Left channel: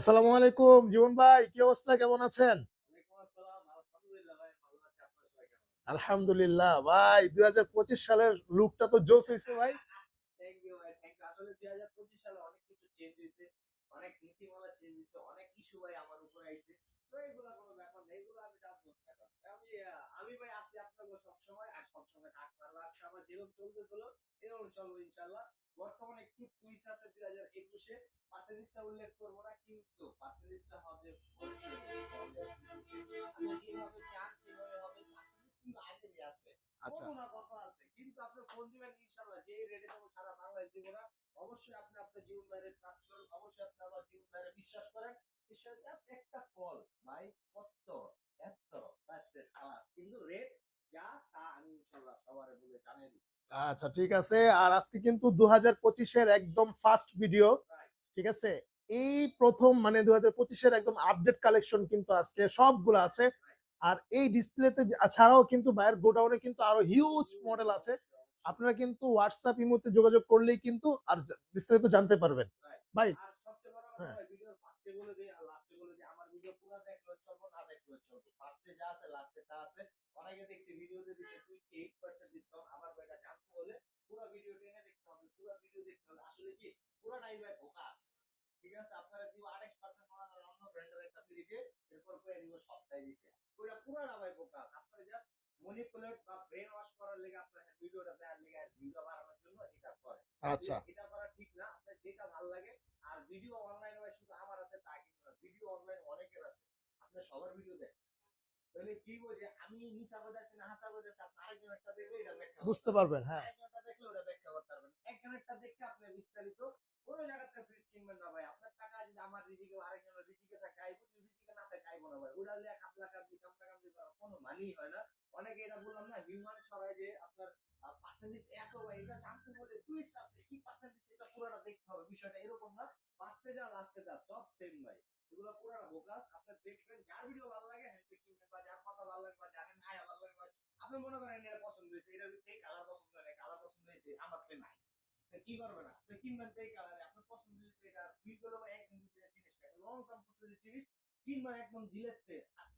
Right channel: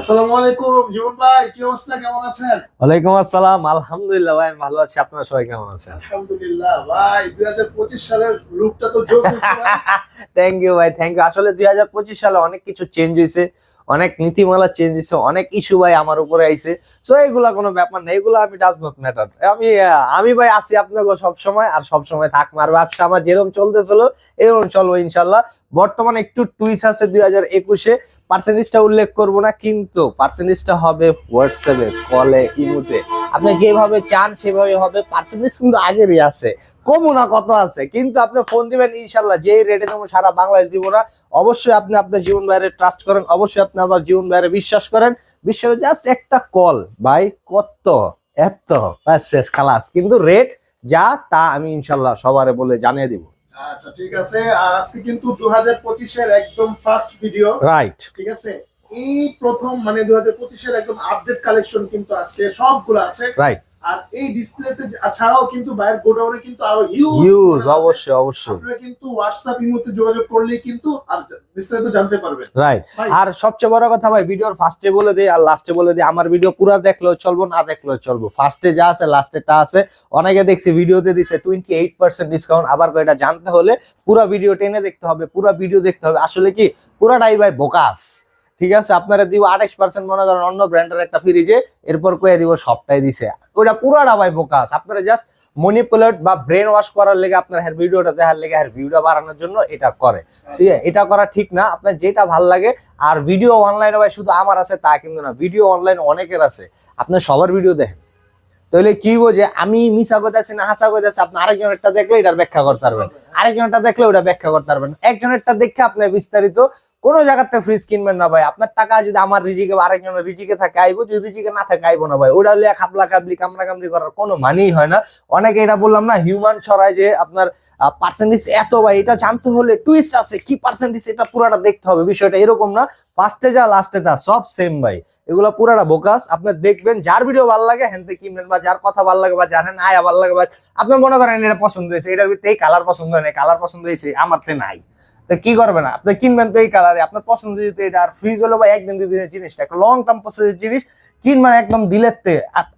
আসসালামু আলাইকুম জীবন ভাই কি অবস্থা? কেমন আছেন? ওয়ালাইকুম আসসালাম। আলহামদুলিল্লাহ ভাই ভালো আছি। আপনারা সবাই কেমন আছেন? আলহামদুলিল্লাহ ভাই 2025 সালের লুকটা তো জোস থ্যাংক ইউ ভাই থ্যাংক ইউ আসলে দুই হাজার পঁচিশ সালে অনেক কিছু চেঞ্জ হয়েছে অনেক নীতিমালা চেঞ্জ হয়েছে অনেক ইস্যু ভাই আমার উপরে আইছে। সো এগুলা কোনো ব্যাপার না এগুলো আমি ডাজ নট ম্যাটার আমি আমি ভাই আছি আপনাকে সব সময় আর সব সময় থাকব আর ব্যবসা আমার যেরকম চলতেছিল এরকম চলবো ইনশাল্লাহ। বর্তমানে একটু টুইস আছে দুই হাজার একুশে। পার্সেন্টেজটা উল্লেখ করব না, কিন্তু পার্সেন্টেজটা হবে হোয়াটসঅ্যাপে কলে ইমুতে আপনি যেভাবে চান, সেভাবে হবে। পার্সেন্টেজ কিন্তু আগেরই আছে। কমও না কত আছে? কিন্তু আপনি ফোন দিবেন ইনশাল্লাহ যেই রেটে দেবো, সারা বাংলাদেশ দিব না। অবশ্যই আপনি আপনার জীবন বাইরে ট্রাস্ট করেন। অবশ্যই আপনি আমার জীবন বাইরে বিশ্বাস করেন। বিশ্বাস জাস্ট একটা কল ভাই, কত? এত। শেষ, খালাস। কিন্তু রেট যা, তা আমি ইনশাল্লাহ সবারে বলে জানিয়ে দিব। আচ্ছা ঠিক আছে। আর আজকে কিন্তু 2025 এর একদম ফার্স্ট ভিডিও রাইট ঠিক আছে? এই প্রথম মানে 2025 এর একদম আপডেট কালেকশন কিন্তু আজকে সবগুলো আছে। রাইট আর এই ডিসপ্লেতে ছাড়াও কিন্তু বাইরের গোডাউনে কিন্তু আরও হিউজ অবশ্যই অবশ্যই। আপনারা কিন্তু হোয়াটসঅ্যাপ ইমোতে যোগাযোগ করলেই কিন্তু আর বিস্তারিত জানতে পারবেন। রাইট আর সবচেয়ে বড় কথা ভাই ভিডিওর ফার্স্টে বলে দিই আর লাস্টে বলে দিই আমার ভিডিও পুরো দেখলেও চলবো না দেখলেও চলবো। ফার্স্টে যা আছে লাস্টেটা আছে। অনেকে দেখছি ভিডিওতে দিছে টোয়েন্টি এইট পার্সেন্ট ডিসকাউন্ট আবার এটা জানতে হলে পুরো ভিডিও টেনে দেখতে হবে পুরো ভিডিও দেখতে হবে। আসলে কি পুরাটাই ভাই বোকাস ঠিক আছে? আপনারা দিব আঠাশ পার্সেন্ট মনে করেন অন্য ব্র্যান্ডের একটা ফ্রিজে এরপর কয়ে দিব সবটাই দিছে। ওটা পুরাটা ভাই বোকাস আপনারা জাস্ট মনিপুলেট বা ব্রেন ওয়াশ করার লেগে আপনার হেয়ার ভিডিওটা দেখার লেগে হেয়ার ভিউটা বাড়ানোর জন্য এটা করে। ঠিক আছে? এটা করা ঠিক না। আপনার যেটা ভালো লাগে। আর ভিডিও অনলাইনে ভাই শুধু আমার আছে তা কিন্তু না। ভিডিও অনলাইন অনেকের আছে। আপনার সবার ভিডিও দেখেন। তাহলে কি বোঝে আমি মিশা করতেছি না হাসা করতেছি আপনি আরেকজনেরটা দেখলে এটার ব্যাখ্যা করতে পারবেন। আরেকজনেরটা দেখলে ওটা ব্যাখ্যা করতে পারবেন। একজনেরটা দেখে আপনি বিস্তারিত কোন জায়গাতে ফ্রিজ কিনবেন না ভাই। আপনার টাকা যদি আমার রিজিকে বা আরেকজনের রিজিকে থাকে, আইবো। যদি রিজিকে না থাকে, আইবো না ভাই। ওটা হলে খাবলা খাবলি কামড়া কামড়ি করার কোনো মানেই হয় না। অনেকে এটা বললাম না হিউম্যান ছড়ায় যে আপনার পার্সেন্টেজ এত ভাই। এটা জানতে হলে টুইস্ট আছে, কি পার্সেন্টেজ এটা পুরাটা দেখতে হবে। বিষয়টা এরকম না। ফার্স্টে যা লাস্টে তা, সব সেম ভাই। এগুলো পুরাটা বোকাস। আপনার দেখবেন যার ভিডিও ভালো লাগে হ্যান কিনবেন বা যার কথা ভালো লাগে বা যার হ্যান আয়া ভালো লাগে বা আপনি মনে করেন এটা পছন্দ হয়েছে, এটার ভিতরে এই কালার পছন্দ হয় না কালার পছন্দ হয়েছে, আমার তো নাই। তো কি করবেন? আপনি কিনবেন তো এই কালারে আপনার পছন্দ যদি এটা, আর ফ্রিজ হলো বা একদিন দুই দিনের জিনিসটা। একটা লং টার্ম প্রসেসের জিনিস, কিনবেন একদম দিলের তে। আ-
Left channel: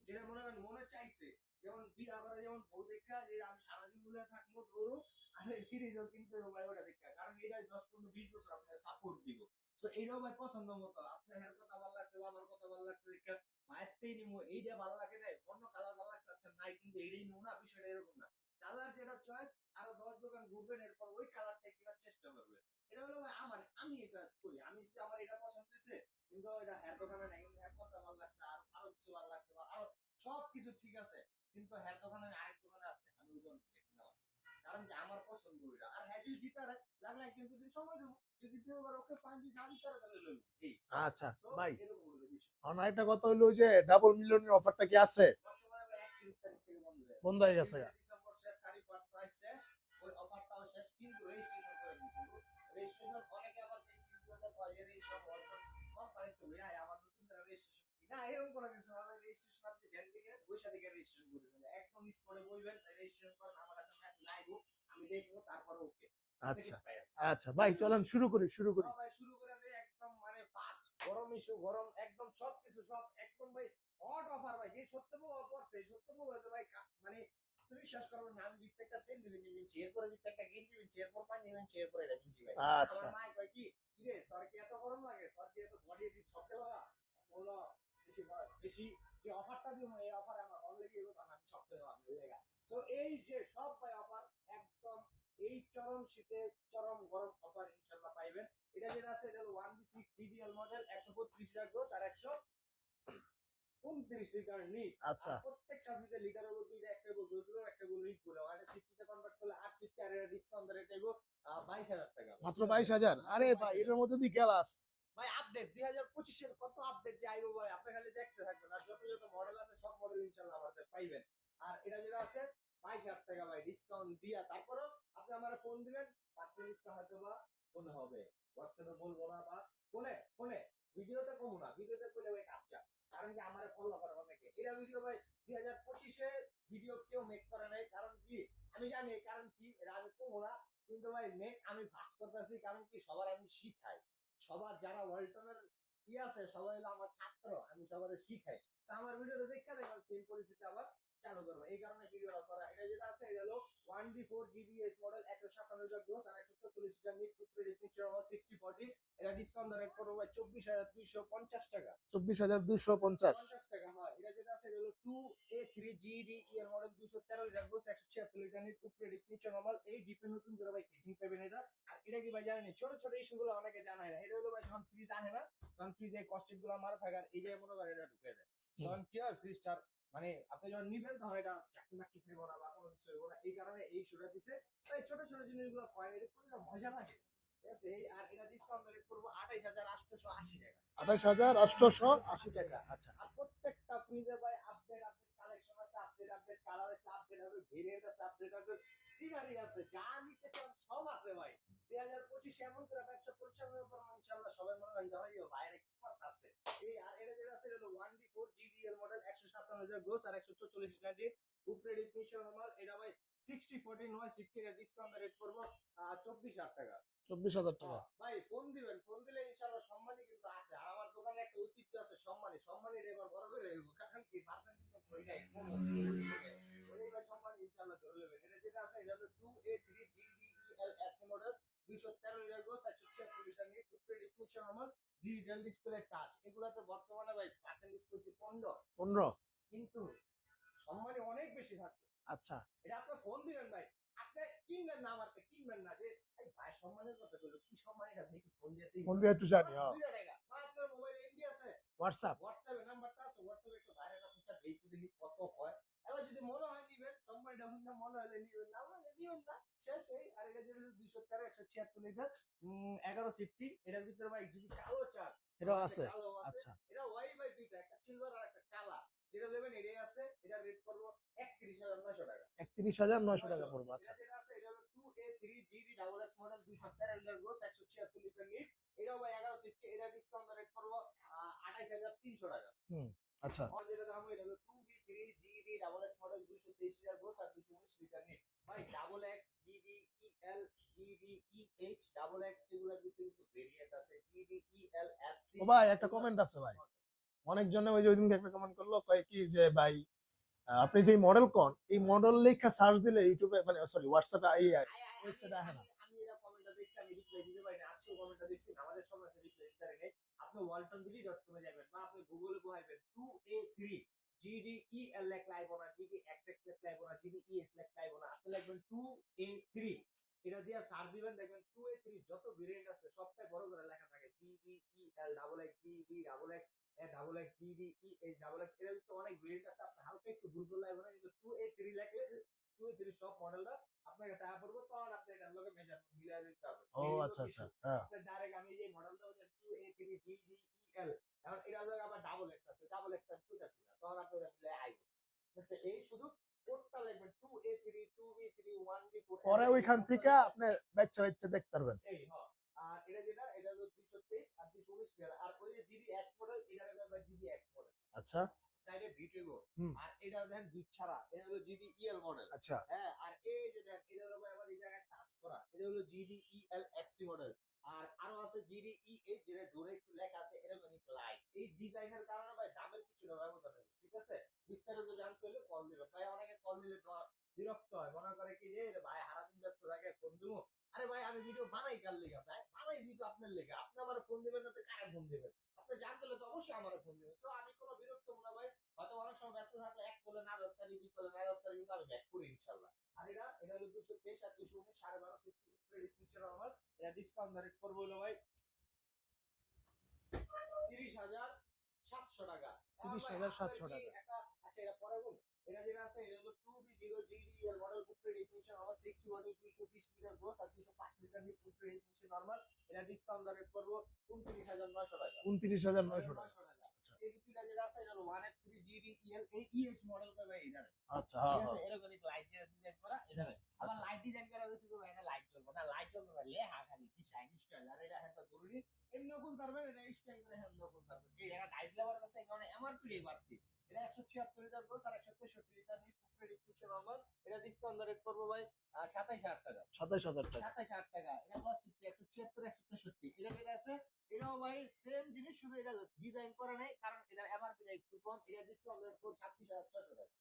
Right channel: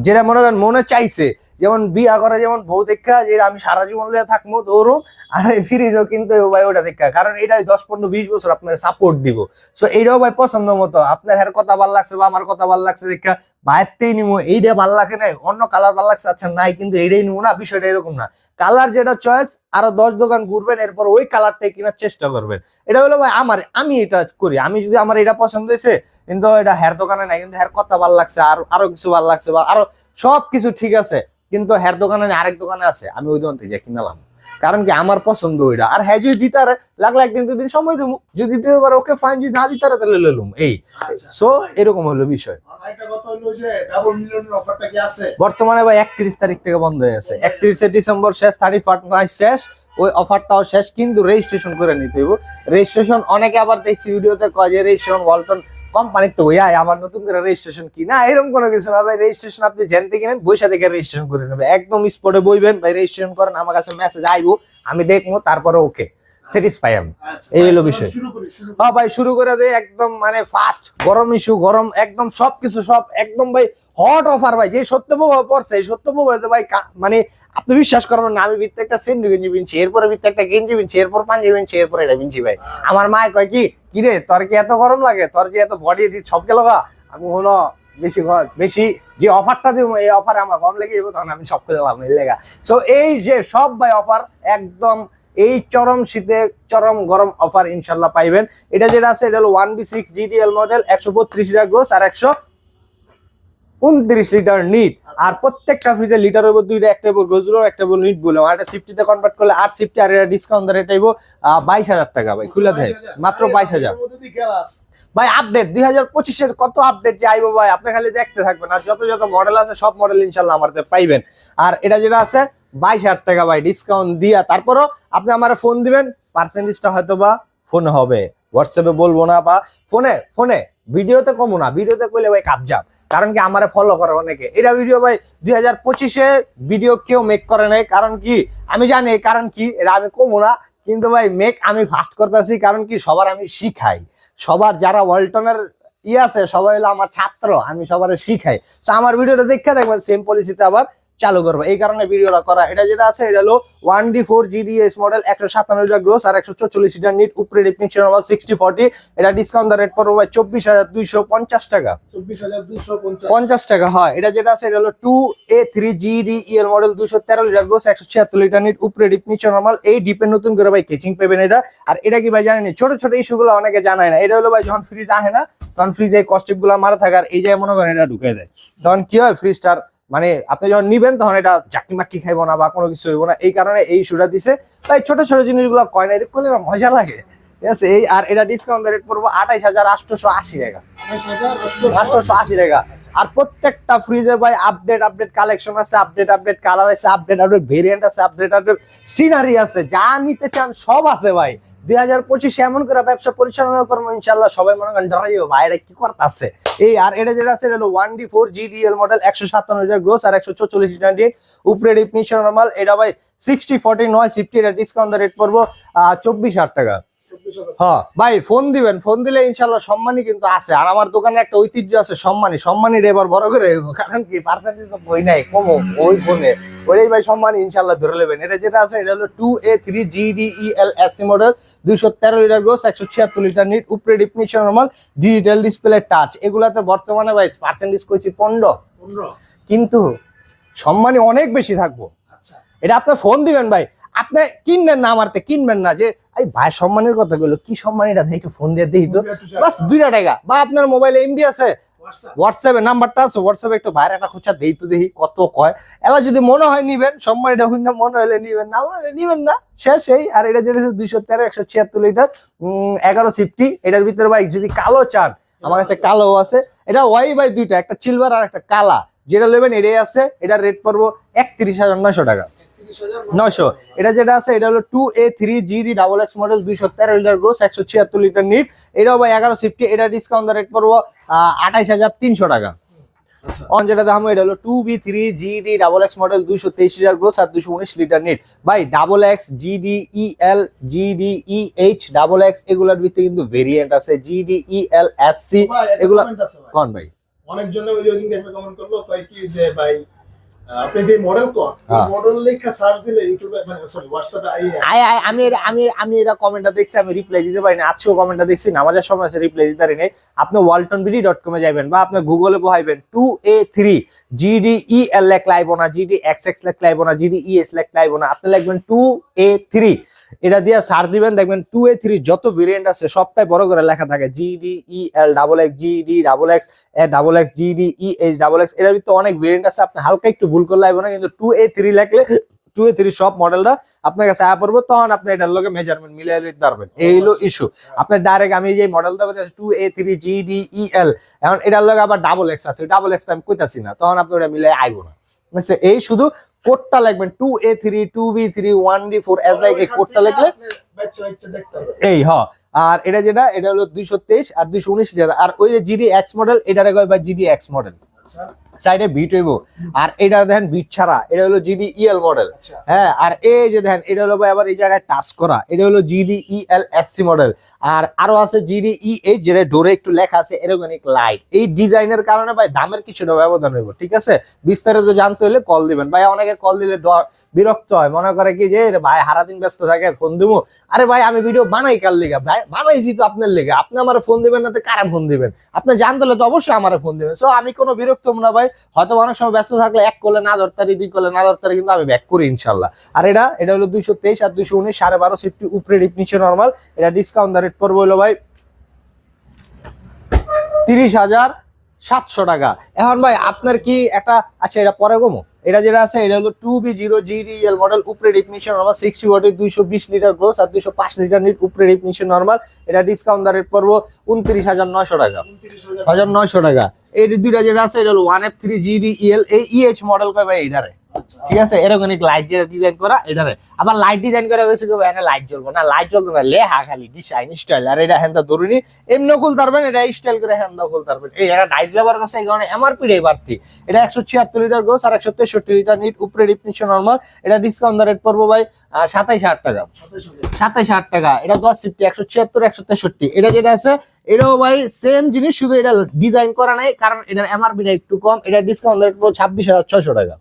যেটা মনে করেন, মনে চাইছে, যেমন বিয়া করে যেমন বউ দেখা, যে আমি সারা জীবন লিয়ে থাকব দৌড়ো আর এই ফ্রিজও কিন্তু ভাই ওটা দেখা। কারণ এটা দশ, পনেরো, বিশ বছর আপনার সাপোর্ট দিব। সো এইটাও ভাই পছন্দ মতো। আপনার হ্যার কথা ভালো লাগছে বা আমার কথা ভালো লাগছে দেখা, বাইরতেই নিবো এইটা ভালো লাগে নাই, অন্য কালার ভালো লাগছে আচ্ছা নাই, কিন্তু এইটাই নিবো না, বিষয়টা এরকম না। কালার যেটা চয়েস আরও দশ দোকান ঘুরবেন, এরপর ওই কালারটাই কেনার চেষ্টা করবেন। এটা হলো ভাই আমার, আমি এটা করি। আমি যদি আমার এটা পছন্দ হয়েছে, কিন্তু এটা হেয়ার দোকানে নাই, কিন্তু হেয়ার কথা ভালো লাগছে, আর আরও কিছু ভালো লাগছে বা আরও সব কিছু ঠিক আছে, কিন্তু হেয়ার দোকানে আরেক দোকানে আছে, আমি ওই দোকান থেকে কিনালাম। কারণ কি আমার পছন্দ ওইটা। আর হ্যাঁ যদি দিতে লাগলে একদিন দুদিন সময় দেবো। যদি দিতে পারে ওকে ফাইন যদি না দিতে তাহলে লেলুম এই। আচ্ছা সো এরকম হলো বিষয়। বর্তমানে ভাই একত্রিশ তারিখ থেকে বন্ধ হয়ে আছে। একত্রিশে ডিসেম্বর শেষ থার্টি ফার্স্ট শেষ। ওই অফারটাও শেষ কিন্তু রেজিস্ট্রেশন করে নিতে হইব। রেজিস্ট্রেশন অনেকে আবার দেখছি ভিডিওতে কয় যে রেজিস্ট্রেশন ওয়ালটন কোম্পানির তো ওই আবার নতুন করে রেজিস্ট্রেশন কি? না, এরকম কোনো কিছু না। ভাই রেজিস্ট্রেশন আপনি জেন থেকে নেন বৈশা থেকে রেজিস্ট্রেশন করে নেবেন। একদম স্পটে বইবেন, ভাই রেজিস্ট্রেশন করেন, আমার কাছে মেসেজ আইবো, আমি দেখব, তারপরে ওকে স্যাটিসফাই আমি। আচ্ছা এই হলো বিষয়। হ্যাঁ ভাই শুরু করে দে একদম মানে ফাস্ট গরম ইস্যু গরম একদম সবকিছু সব একদম ভাই হট অফার ভাই যে সত্যপ্রভাব পড়ছে এই সত্য ভাই মানে আপনি বিশ্বাস করবেন না আমি ভিত্তে একটা সেন্ডু গেঞ্জি কিনছি এরপরে ভিত্তে একটা গেঞ্জি কিনছি এরপর পাঞ্জাবি কিনছি এরপর এটা কিনছি ভাই। আচ্ছা, আমার মায় কয় কি কিরে তোর কি এত গরম লাগে? তোর কি এত বডি সব গেল গা? আমি হলো বেশি বেশি যে অফারটা দিব এই অফারে আমার কম লেগে যাব তখন আমি সব করে লাভ লেগা। সো এই যে সব ভাই অফার একদম এই চরম শীতে চরম গরম অফার ইনশাল্লাহ পাইবেন। এটা যেটা আছে এটা হলো one B six GTL model একশো বত্রিশ লিটার গ্রোস আর একশো উনত্রিশ লিটার নিট আর প্রত্যেকটা ফ্রিজের লিটার উপর দুইটা একটা উপর গ্রোজগুলো একটা উপর নিট বলে। আর সিফটিতে কনভার্ট করলে আট সিফটি আর এটা ডিসকাউন্ট রেট আইব বাইশ হাজার টাকা ভাই খুলে দেয়। মাত্র বাইশ হাজার। ভাই আপডেট দুই হাজার পঁচিশের কত আপডেট যে আইবো ভাই আপনি খালি দেখতে থাকবেন। আর যত যত মডেল আছে সব মডেল ইনশাল্লাহ আমার পাইবেন। আর এটা যেটা আছে বাইশ হাজার টাকা ভাই ডিসকাউন্ট দিয়া। তারপরও আপনি আমার ফোন দিবেন পার্সেন্টেজটা হয়তো বা ফোন হবে। হোয়াটসঅ্যাপে বলব না বা ফোনে ফোনে ভিডিওতে কমো না, ভিডিওতে কইলে ভাই কাবজাব কারণ কি আমারে ফলো করে অনেকে। এটা ভিডিও ভাই দুই হাজার পঁচিশে ভিডিও কেউ মেক করে নাই। কারণ কি? আমি জানি, কারণ কি? এটা আমি কমো না। কিন্তু ভাই মেক আমি ফাস্ট করতেছি, কারণ কি? সবার আমি শিখাই। সবার যারা ওয়ালটনের ই আছে, সবাই হলো আমার ছাত্র, আমি সবার শিখাই। তো আমার ভিডিওটা দেখে দেখবেন সেম পলিসিতে আবার চালু করব। এই কারণে ভিডিওটা করা। এটা যেটা আছে এটা হলো one D four GDS model একশো সাতান্ন গ্রোস আর একশো চল্লিশ লিটার নিট উপরে ডিফিনিশন সিক্সটি ফর্টি এটা ডিসকাউন্ট রেট পড়বে ভাই চব্বিশ হাজার দুইশো পঞ্চাশ টাকা। চব্বিশ পঞ্চাশ। টাকা হয়। এটা যেটা আছে এটা হলো two A three GD EL model দুশো তেরো লিটার গোস একশো ছিয়াত্তর লিটার নিট উপরে নিচে নর্মাল এই ডিপে নতুন করে ভাই কেচিং পাবেন এটা। আর এটা কি ভাই জানেনি ছোট ছোট ইস্যুগুলো অনেকে জানায় না। এটা হলো ভাই যখন ফ্রিজ আসে না তখন ফ্রিজে কস্টিপগুলো মারা থাকে। আর এই যে মনে করেন এটা ঢুকে দেয়। তখন কি হয় ফ্রিজটার মানে আপনি যখন নিবেন তখন এটা চাকি মাক্কি খাইবো না বা কোনো কিছু হইব না। এই কারণে এই ইস্যুটা দিছে। তাই ছোট ছোট জিনিসগুলো কয় না করলে মজা লাগে। ঠিক আছে? এই আর এটা ডিসকাউন্ট রেট পড়ব আঠাইশ হাজার আটশোশো আশি টাকা। আটশোশো আশি টাকা। আর প্রত্যেকটা ফ্রিজে ভাই আপডেট আপডেট কালেকশন আছে আপডেট আপডেট কালার আছে আপডেট আপডেট ভেরিয়েন্ট আছে আপডেট আপডেট সিনারি আছে, যা নিতে চান সব আছে ভাই। দুই হাজার পঁচিশে এমন করে ব্যবসা পরিচালনা করব ইনশাল্লাহ সবাই মনে করেন ডরাইও ভাই, এটা কি করতেছে? এই আর এটা যেটা আছে, এটা হলো one D four GDL model একশো সাতান্ন লিটার গ্রোস আর একশো চল্লিশ লিটার ডিট উপরে ডিপনিশন নর্মাল এটা ভাই সিক্সটি ফর্টি নয় ফিফটি এটা ডিসকাউন্ট রেট পড়ব চব্বিশ হাজার টাকা। হ্যাঁ ভাই ফোন দিবেন ফোন দিলে ইনশাল্লাহ সম্মানই কিন্তু আছে। আর আমার দোকানে একটা ঐতিহ্য আছে সম্মানী সম্মানীর এবার বড় করে কারণ কি পার্সেন্টেজ তো বই নাই কমো ওই ফোনে ওই ভাই সম্মানী ইনশাল্লাহ ধরে নেবেন। এটা যেটা আছে এটা হলো two A three GD E L S model দুইশো তেরো লিটার গ্রোস একশো ছিয়াত্তর লিটার নিট উপরে definition normal digital display touch এগুলাতে বর্তমানে ভাই পার্সেন্টেজ কইছি পনেরো। পনেরো। কিন্তু সম্মানী অনেক বেশি থাকব। আচ্ছা। এটা আপনার ফোন দিবেন ভাই। আপনি কিনবেন না আমারতে কিনবেন না যে এই ভাই সম্মানের কথা বলল কি সম্মান এটা? দেখে ফোন দিয়ে দিই তো। বাস দুইটা টাকা। বা আপনার মোবাইলে এমবি আছে। হোয়াটসঅ্যাপ নাম্বারটা আছে হোয়াটসঅ্যাপে একটু ভাইয়ের একটা খোঁচা দেই তো দেখি কত কয়। এবার যদি মনে হয় নিবেন সম্মান এটা হইন না মনে হলে নিবেন না মনে হলে নিবেন না শেষ এই আর এটা যেটা দুইশো তেরো একশো ছিয়াত্তর লিটার এগারো সিফটি। এটার ভিতরে ভাই যদি কালো চান আমার কাছে কালো আছে। এটা ওয়াই বাই দুইটা একটা সিলভার আর একটা কালা। যেটা নেবেন এটাই আছে এটার রেট পড়ব একত্রিশ হাজার নয়শো টাকা। নয়শো। এটা যেটা আছে এটা হলো two A three GD double X model দুইশো তেরো লিটার গোস একশো ছিয়াত্তর লিটার নিট এটাও এগারো সিফটি এটা ডিসকাউন্ট রেট পড়ব আঠাইশ হাজার তিনশো টাকা। আচ্ছা। অন যেটা দাম এটা হলো two B three GD double X model দুইশো তেইশ লিটার গ্রোস আর দুইশো উনিশ লিটার নিট ভাই double X GD E L GD E H double X এগুলোর ভিতরে কিন্তু ভেরিয়েন্ট আছে GD E L S C ভাই, একটা এগুলা- comment আছে ভাই। কোন ওই দিন কমেন্ট করল তাই কি যে ভাই আহ, আপনি যে মডেল কোন হ্যাঁ। মডেল লেখা সার্চ দিলে ইউটিউবে মানে সরি হোয়াটসঅ্যাপে আই আই আই আমি এটা- আমি আমি এটা কমেন্টটা দেখছি আমি রিপ্লাই দিতে পারি না। আজকেও কমেন্টটা দেখছি নামাজের সময় আছে রিপ্লাই দিতে পারি নাই। আপনি ডট কমে যাবেন বা আপনি গুগলে বহাইবেন two A three GD E L লেখ লাইব না জিডি এক্স এক্স লেখ লাইব না জিডি ই এস লেখ লাইব না আপনি লিখবেন টু এ থ্রি এটা দিয়ে সার দিবেন দেখবেন টু এ থ্রি যত ভেরিয়েন্ট আছে সবটাই বড় করে লেখা থাকে GD E L double X GD double X A double X GD E H double X এটার ভিতরে অনেক ভেরিয়েন্ট আছে আপনি হালকা একটু ভুল করলে লাগবে না কিন্তু টু এ থ্রি লেখলে টু এ থ্রি সব মডেলটা আপনার কাছে আয়া পড়ব তখন আপনি এটার লগে মেজারমেন্ট মিলিয়ে নিতে পারবেন। এই হলো ইস্যু আপনার ডাইরেক্ট আমি যে মডেলটা বলছি two A three G D E L এখন এটার লগে আবার ডাবল এক্স আছে ডাবল এক্স আমি কইতাছি না তখন আপনি ওটা মিলে আইবো না। এই শুধু কোডটা লিখবেন two A three two B three one D four S like এই কোডটা লিখলে এই হ। আর এটা যেটা এটা হলো দুইশো তেইশ আর দুইশো উনিশ লিটার আর ওই যে জিডি এক্স মডেল এটারে কয় বা জিডি এক্স মডেল আচ্ছা। সাইডে বিট হইব। আর এটা দেখেন বিট ছাড়া এটা হলো জিডি ইএল মডেল হ্যাঁ আর এই যে দেখেন এটা হলো ভাই আবার এই জায়গায় টাচ করা এটা হলো GD E L S C model আর আরও আছে জিডি ই এইচ যেটা ডোরে একটু লেখা আছে এরোগনিক লাইট এই ডিজাইনের কারণে ভাই দামের কিছুটা ব্যবধান হইব ঠিক আছে? বিস্তারিত জানতে হলে কল দিবেন। ভাই অনেকে কল দিলে বিরক্ত হয় মনে করে কি যে ভাই সারাদিন ব্যস্ত থাকে ফোন দিবো? আরে ভাই আমি ভিডিও বানাই কার লেগে? ভাই বানাইছি তো আপনার লেগে। আপনি আমার ফোন দিবেন না তো কারা ফোন দিবেন? আপনি জানতে হলে তো অবশ্যই আমার ফোন দিবেন। সো আমি কোনো বিরক্ত না ভাই। হয়তো অনেক সময় ব্যস্ত থাকলে এক করলে না ধরতারি, দুই করলে না ধরতারি কিন্তু আমি ব্যাক করি ইনশাল্লাহ। আর এটা এটা হলো দুইশো তেইশ আর দুইশো উনিশ, সাড়ে বারো সিফটি উপরে ডিপ নিচে নর্মাল এটা ডিসকাউন্ট দা রেট পড়ব হলো ভাই তিরিশ হাজার সাতশো টাকা। এখন ভাই আপনার কি একটা আচ্ছা এটা পরে গমো? এটা যেটা আছে এটা হলো two B zero GDL model উপরে ডিফিনিশন নর্মাল সিক্সটি ওয়াটের দুইশো বিশ লিটার গ্রোস আর দুইশো পাঁচ লিটার নিট উপরে ডিফিনিশন নর্মাল এটা ডিসকাউন্ট রেট পড়ব উনত্রিশ হাজার নয়শো টাকা। হাজার। নয়শো টাকা। এই দুইটা যেটা আছে এটা হলো ওয়ান এফ থ্রি জিডিএল এই ইএইচ মডেল কয় ভাই এটারে ঠিক আছে এরকম লাইট যেটা ডিজাইন করা এটারে। আবার লাইট ডিজাইন করা হয়েছে কি এখানে লাইট জ্বলবো না লাইট জ্বলবে না লেহা খালি ডিজাইন স্টাইল আর এটা হ্যান্ডা ধরুনি এমনি খুলতে পারবেন এটা স্টাইল করে হ্যান্ডা খুলতে পারবেন। এই এটা ডাইস ব্যবহার করছে এই কারণে এমআরপি রে বাড়তি। এটা একশো ছিয়াত্তর লিটার গোস আর একশো তেষট্টি লিটার নিট উপরে ডিপ নিচে নর্মাল এটা ডিসকাউন্ট রেট পড়ব ভাই সাতাইশ হাজার টাকা। সাতাইশ হাজার। টাকা। এটা দশ সিফটি একশো ছিয়াত্তর একশো তেষট্টি। এটা যেটা আছে এটাও ভাই সেম জিনিস শুধু এটা ডিজাইন করা নাই কারণ এটার এমআরপিটা একটু কম এটা ডিসকাউন্ট রেট পড়ব ছাব্বিশ হাজার ছয়শো টাকা।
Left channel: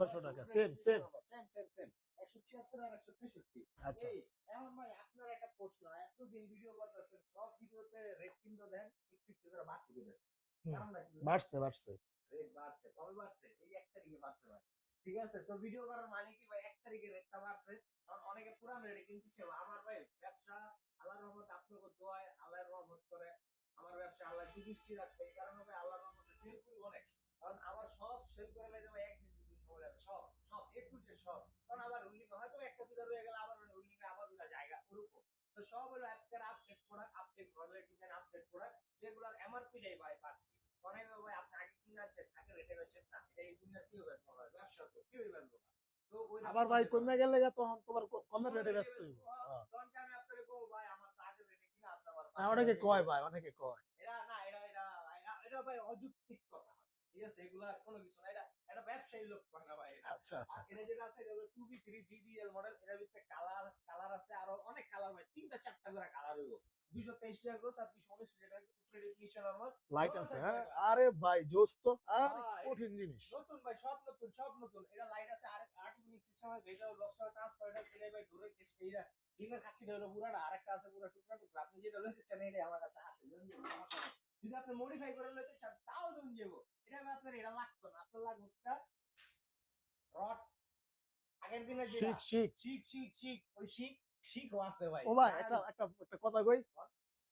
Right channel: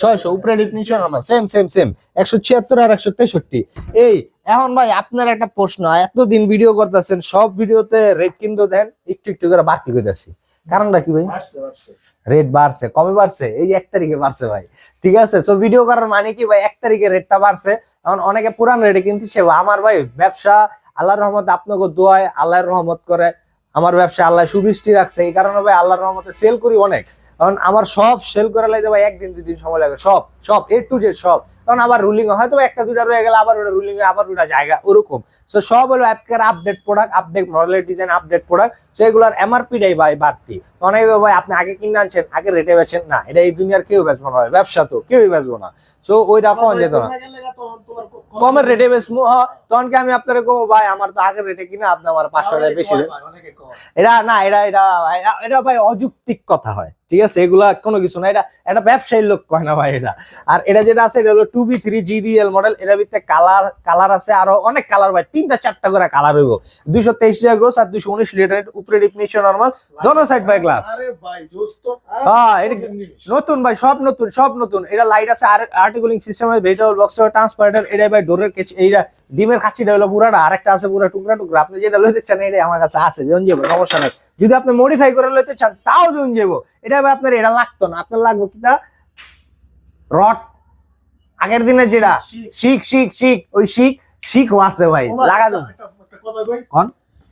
ছয়শো উপরে ডিপ নিচে নর্মাল সেম সেম সেম একশো ছিয়াত্তর আর একশো তেষট্টি। এই এখন ভাই আপনার একটা প্রশ্ন এতদিন ভিডিও করতেছেন সব ভিডিওতে রেট কিন্তু দেন একটু একটু করে বাড়তি করতেছি কারণটা কি ভাই? বাড়ছে বাড়ছে। রেট বাড়ছে কবে বাড়ছে? এই এক তারিখে বাড়ছে ভাই। ঠিক আছে? সো ভিডিও করার মানে কি ভাই? এক তারিখে রেটটা বাড়ছে। এখন অনেকে পুরান রেটে কিনতেছে আমার ভাই ব্যবসা আল্লাহর রহমত আপনাকে দোয়ায় আল্লাহর রহমত করে। আমার ব্যবসা আল্লাহ সুদৃষ্টি রাখছে। এই কারণে ভাই আল্লাহর রহমতে সেল করি অনেক। কারণ আমার সব সেল করা লাগে ভাই একদিন, দুই দিন সময় লাগে। সব সব এ টু জেড সব। কারণ আবার রুলিং হয়তো বা একটা দুটা রয়ে গেলে আবার ওটা রুলিং আবার ওটা জায়গা ওরকম। সো সব হলো অ্যাপকের আপডেট প্রোডাক্ট আপডেট মডেলের ডিজাইন আপডেট প্রোডাক্ট সেগুলোর এমআরপিটাই ভাই বাড়তি। অনেকে ভাই আপনি আগে কিনে আনছেন আগে রেটে বেচেন না এটা এই দুনিয়ার কেউ বেচবো না ব্যবসা তো কেউই বেচবো না। সো ওই রকম যেত না। তখন কমের রেটে বেচবো হ্যাঁ তখন কি আমি আপনার কমো? ভাই আমার তো আগের রেটে কিনা আপনি আমার পাঁচশো টাকা বেশি দেন। এটা না এটা এটা এটা- এটা ভাই অযৌক্তিক কথা হয় ঠিক আছে? এগুলা কোনো কিছু না এটা এটা ব্যবসায়ী লোক কয় না ভাই এটা। আর এটা যেটা আছে এটা হলো two B three GDL model এটার ভিতরে কালার কালার আছে আরও অনেক কালার ভাই তিনটা চারটা করে কালার হইব। দুইশো তেইশ লিটার গ্রোস আর দুইশো উনিশ লিটার উপরে ডিফিনিশন নর্মাল দোনো glass। ভাই তো হ্যাঁ, এটা নতুন ভাই সব নতুন সব নতুন। এটা লাইট আছে আর আর্টিকুলিং সিস্টেম আছে ভেজিটেবল বক্স ট্রান্সপারেন্টার এটা ভাই ডোরের কেচ এইটা ডিমের খাচ্ছিটা হলো পুরাটা আরেকটা আছে পুরা টুকরা টুকরা। আপনি যেটা লইতে চান এটা আমার কাছে আছে যেমন যাব সমস্যা নাই। যদি আপনি মডিফাই করে লইতে চান তাও যেমন যাব। এটা ভাই আপনার এটা লাগতো না আপনার লাগবে কিটা রড আগের দিনের যেটা শিখ, শিখ শিখ ওই শিখ শিখও আছে ভাই লাগা কই। কোন?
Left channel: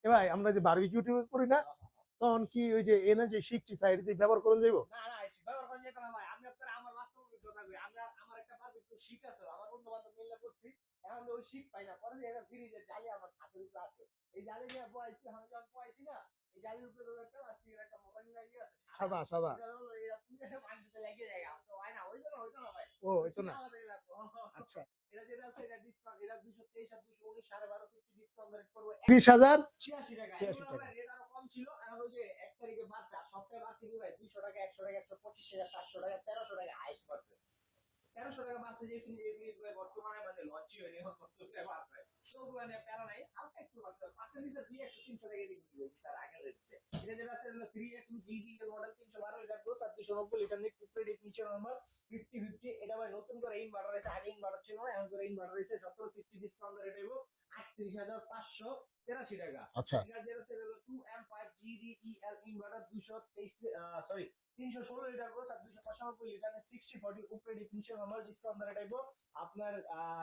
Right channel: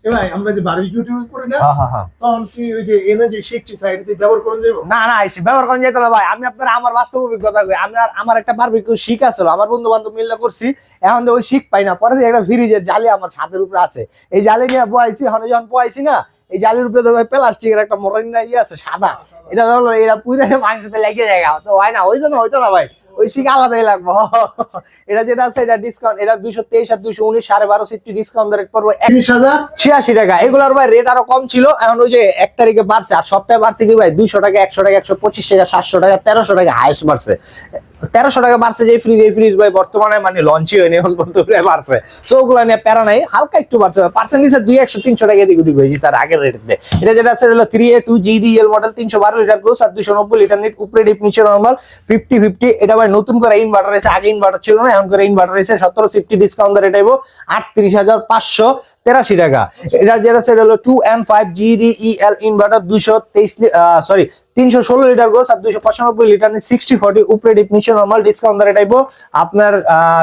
ভাই, আমরা যে বারবিকিউ টিউব করি না হ্যাঁ হ্যাঁ হ্যাঁ তখন কি ওই যে এনে যে শিখছি সাইড দিয়ে ব্যবহার করে যাব না না এসে ব্যবহার করেন যেত না ভাই আমি আপনার আমার বাস্তব অভিজ্ঞতা কই আমি আর আমার একটা বারবিকিউ শিখ আছিল আমার বন্ধু বান্ধব মিলে করছি এখন ওই শিখ পাই না পরে একটা ফ্রিজের জালি আমার ছাদের উপরে আছে এই জালি নিয়ে বয়াইছি হনে যখন বয়াইছি না এই জালির উপরে তো ভাই প্লাস্টিকের একটা মরাই না ইয়ে আছে সাদা। এটা ধরো এটা পুরো মাংসতে লেগে যায় তো হয় না ওই জন্য হইতো না ভাই। ওই শিখ আলাদাই লাগবো। এটা যেটা আছে এটা ডিসকাউন্ট এটা দুইশো তেইশ আর দুইশো উনিশ সাড়ে বারো সিফটি ডিসকাউন্ট রেট পড়ব তিরিশ হাজার। ছিয়াশি টাকা। এগুলোর ভাই রেট আরও কম ছিল। এখন ওই যে এক তারিখে বাড়ছে আর সপ্তাহে বাড়ছে কি ভাই? দুইশো টাকা একশো টাকা একশো পঁচিশ টাকা সাতশো টাকা তেরোশো টাকা হাইস্ট বাড়ছে। তেরোশো টাকা বাড়ছে যে ফ্রিজ এই ফ্রিজ ভাই বর্তমানে মানে লঞ্চই হয়নি পর্যন্ত বাড়ছে। সো ওগুলো নিয়ে প্যারা নাই, হালকা একটু বাড়ছে। পার্সেন্টেজ দুই একশো, তিনশো টাকা এদিক ওদিক হয়েছে তার আগের রেটে এটা যেটা আছে হলো three A two GDL model তিনশো বারো লিটার গ্রোস আর দুশো নব্বই লিটার নিট উপরে ডিপ নিচে নর্মাল ফিফটি ফিফটি এটা ভাই নতুন করে ইনভার্টার এসে, আগে ইনভার্টার ছিল না, এখন করে ইনভার্টার এসে সতেরো ফিফটি ডিসকাউন্ট রেট আইবো, আটত্রিশ হাজার পাঁচশো তেরাশি টাকা। এটা যেটা সেটা হলো two M five GDEL inverter দুইশো তেইশ সরি তিনশো ষোলো লিটার গোস আর দুইশো পঁচানব্বই লিটার সিক্সটি ফর্টি উপরে ডিপ নিচে নর্মাল ডিসকাউন্ট রেট আইবো আপনার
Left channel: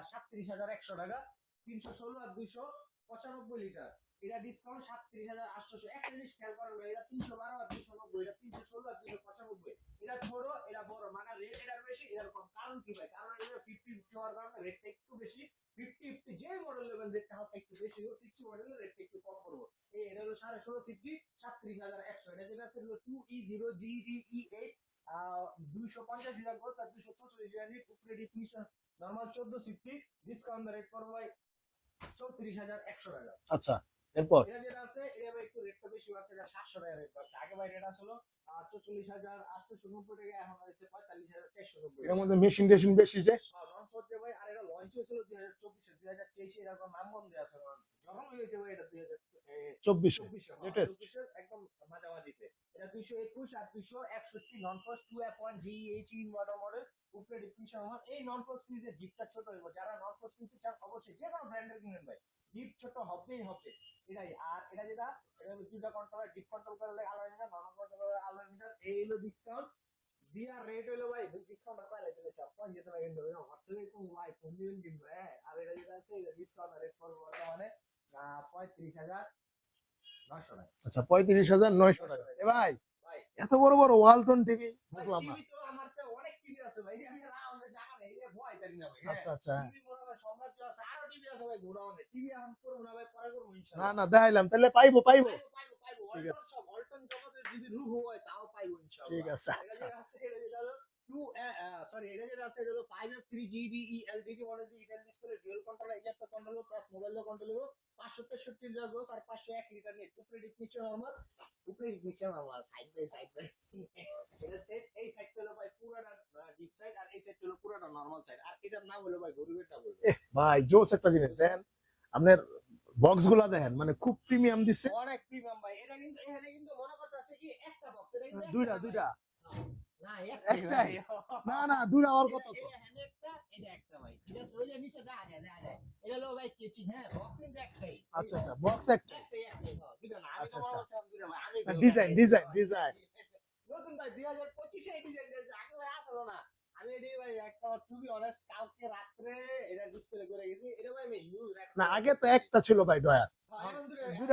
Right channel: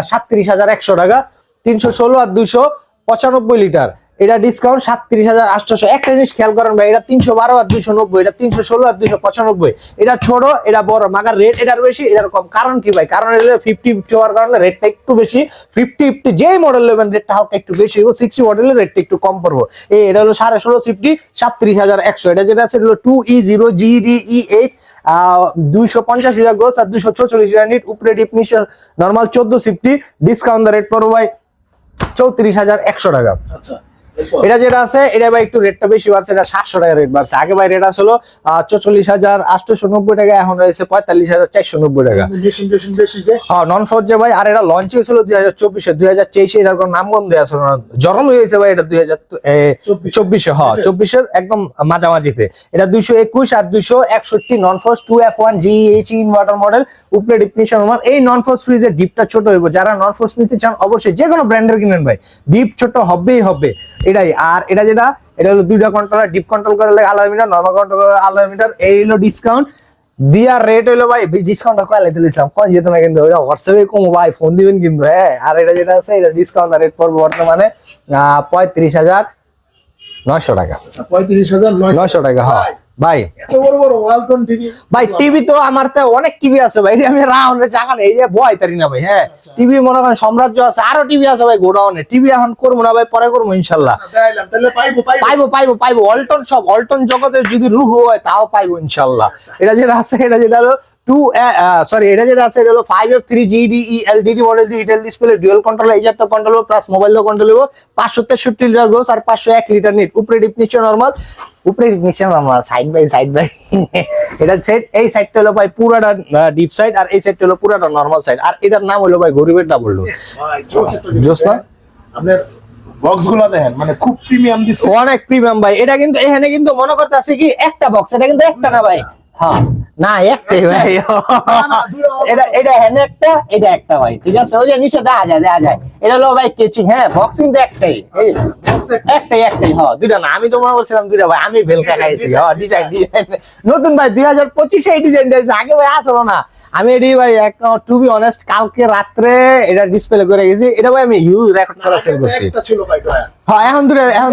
সাতত্রিশ হাজার একশো টাকা, তিনশো ষোলো আর দুইশো পঁচানব্বই লিটার। এটা ডিসকাউন্ট সাতত্রিশ হাজার আটশোশো একটা জিনিস খেয়াল করেন ভাই, এটা তিনশো বারো আর দুইশো নব্বই, এটা তিনশো ষোলো আর দুইশো পঁচানব্বই। এটা ছোট, এটা বড়, মাগার রেট এটার বেশি, এটার কম। কারণ কি ভাই? কারণ এটা ফিফটি ফিফটি হওয়ার কারণে রেটটা একটু বেশি। ফিফটি ফিফটি যেই মডেল নেবেন রেটটা হালকা একটু বেশি হইব। সিক্সটি মডেলের রেটটা একটু কম পড়ব। এই, এটা হলো সাড়ে ষোলো ফিফটি সাতত্রিশ হাজার একশো। এটা যেটা আছে হলো two E zero GDE H দুইশো পঞ্চাশ লিটার আর দুইশো চৌচল্লিশ নিট উপরে ডিপ নর্মাল চোদ্দ ফিফটি ডিসকাউন্ট রেট পড়ব ভাই চৌত্রিশ হাজার একশো টাকা আচ্ছা? এটা যেটা আছে এটা ভাই একটু রেটটা বেশি বাড়ছে এটা সাতশো টাকা রেট বাড়ছে। আগে ভাই রেট আসলো চল্লিশ হাজার আটশোশো নব্বই টাকা এখন রয়েছে পঁয়তাল্লিশ হাজার চারশো নব্বই টাকা। হ্যাঁ নন ফোর যে ভাই আর এটা লঞ্চ হয়েছিল দুই হাজার চব্বিশে। দুই হাজার তেইশে এটার কোনো নাম গন্ধ আসলো না। জরম হয়েছে ভাই এটা দুই হাজার চব্বিশে। হ্যাঁ চব্বিশের একদম মাঝামাঝিতে। এটা দুইশো একুশ আর দুইশো একষট্টি non frost two F one G H inverter model উপরে ডিপনিশন এই নন ফোর্স ফ্রিজের ডিপটা ছোট হইব। যারা নন ফোর্স নিতে চান অবশ্যই যে কোনো ব্র্যান্ডের কিনেন ভাই। ডিপ ছোট হবেই হবে। এটাই। আর এটা যেটা এটা হলো দুইটা কন্ট্রোলার ডিপ কন্ট্রোল করে লাগে আলাদা মিটার নর্মাল কন্ট্রোল করে আলাদা মিটার এই হলো ডিসকাউন্ট দিয়ার রেট হইল ভাই ডিসকাউন্টটা লাইতে দিলাম? কোন যেত না কিন্তু ওটা হোয়াটসঅ্যাপে কম ভাই ফোন দিবেন কিন্তু হ্যাঁ। আর এটা যেটা আছে এটা ডিসকাউন্ট রেট পড়বে বর্তমানে আহ, পঁয়ত্রিশ হাজার নয়শো টাকা। আচ্ছা পঁয়ত্রিশ হাজার নয়শো টাকা হ্যাঁ ভাই। এত বড় বড় ওয়ালটন টিভি ভাই টিভি তো আমার তো অনেক টিভি আছে ভাই। আমি রাউন্ডে নেই এই যে বয় তারি না ভাই হ্যাঁ। আচ্ছা। টিভি মনে করেন সাম্রাজ্য আছে আরও টিভি আছে ভাই গোডাউনে। টিভি এখন করব না ভাই পরে করব ইনশাল্লাহ। দেখাইলাম তাহলে পাইবো পাইবো। পাইবো পাইবো পাইবো। অল্টন সব অল্টন জগতের যদি রুহ হয় তাও পাইবো ইনশাল্লাহ। এটা যেটা আছে এটা যেটা হলো টু সরি এটা যেটা আছে এটা হলো five F three GD LDD model digital display dual control এই জাতীয় কন্ট্রোল প্লাস মোবাইল কন্ট্রোল হব পাঁচশো তেষট্টি লিটার গোস আর পাঁচশো এক লিটার নিট উপরে ডিপ নিচে নর্মাল উপরে ডিপ নিচে normal side by side by এটা সেট এই সাইডটা হলো ভাই পুরাটা ডিপ সাইড আর এই সাইডটা হলো পুরাটা নর্মাল সাইড আর এটার নাম হলো ভাই গরিবের ডাবল ডোর জোস না? আপনার দেখেন মানে খুব প্রিমিয়াম দিচ্ছে। অনেক প্রিমিয়াম ভাই। এটা কিন্তু এখানে কিন্তু মনে করতে আছে কি একটা বক্স এটা কিন্তু একটা না ভাই। হ্যাঁ না একটাই ভাই। এটা এটা হ্যান্ড একটা এটা একটা ভাই ঠিক আছে? ওই যে নিচে দেখা যায় দেখা যায়। এটা হলো ভাই কেচিং হ্যাঁ বক্সিং তো একটাই। একটাই একটাই হ্যাঁ দুইটা না আমি তো করছিলাম দুইটা ভাই আমি ভেলকা খাইছি design, হ্যাঁ ডিজাইন ডিজাইন নতুন ভাই দুই হাজার পঁচিশে এই ডিজাইন দিয়েছে আগে ভাই আসলো না। আমি এটি ভাই টু বি অনেস্ট কালকে রাত্রে এটা ডিসপ্লে করে গেছি। এটা ভাই আমি ইউজ রেকর্ড করা সেল করছি ছিল ভাই। হ্যাঁ এখন এখন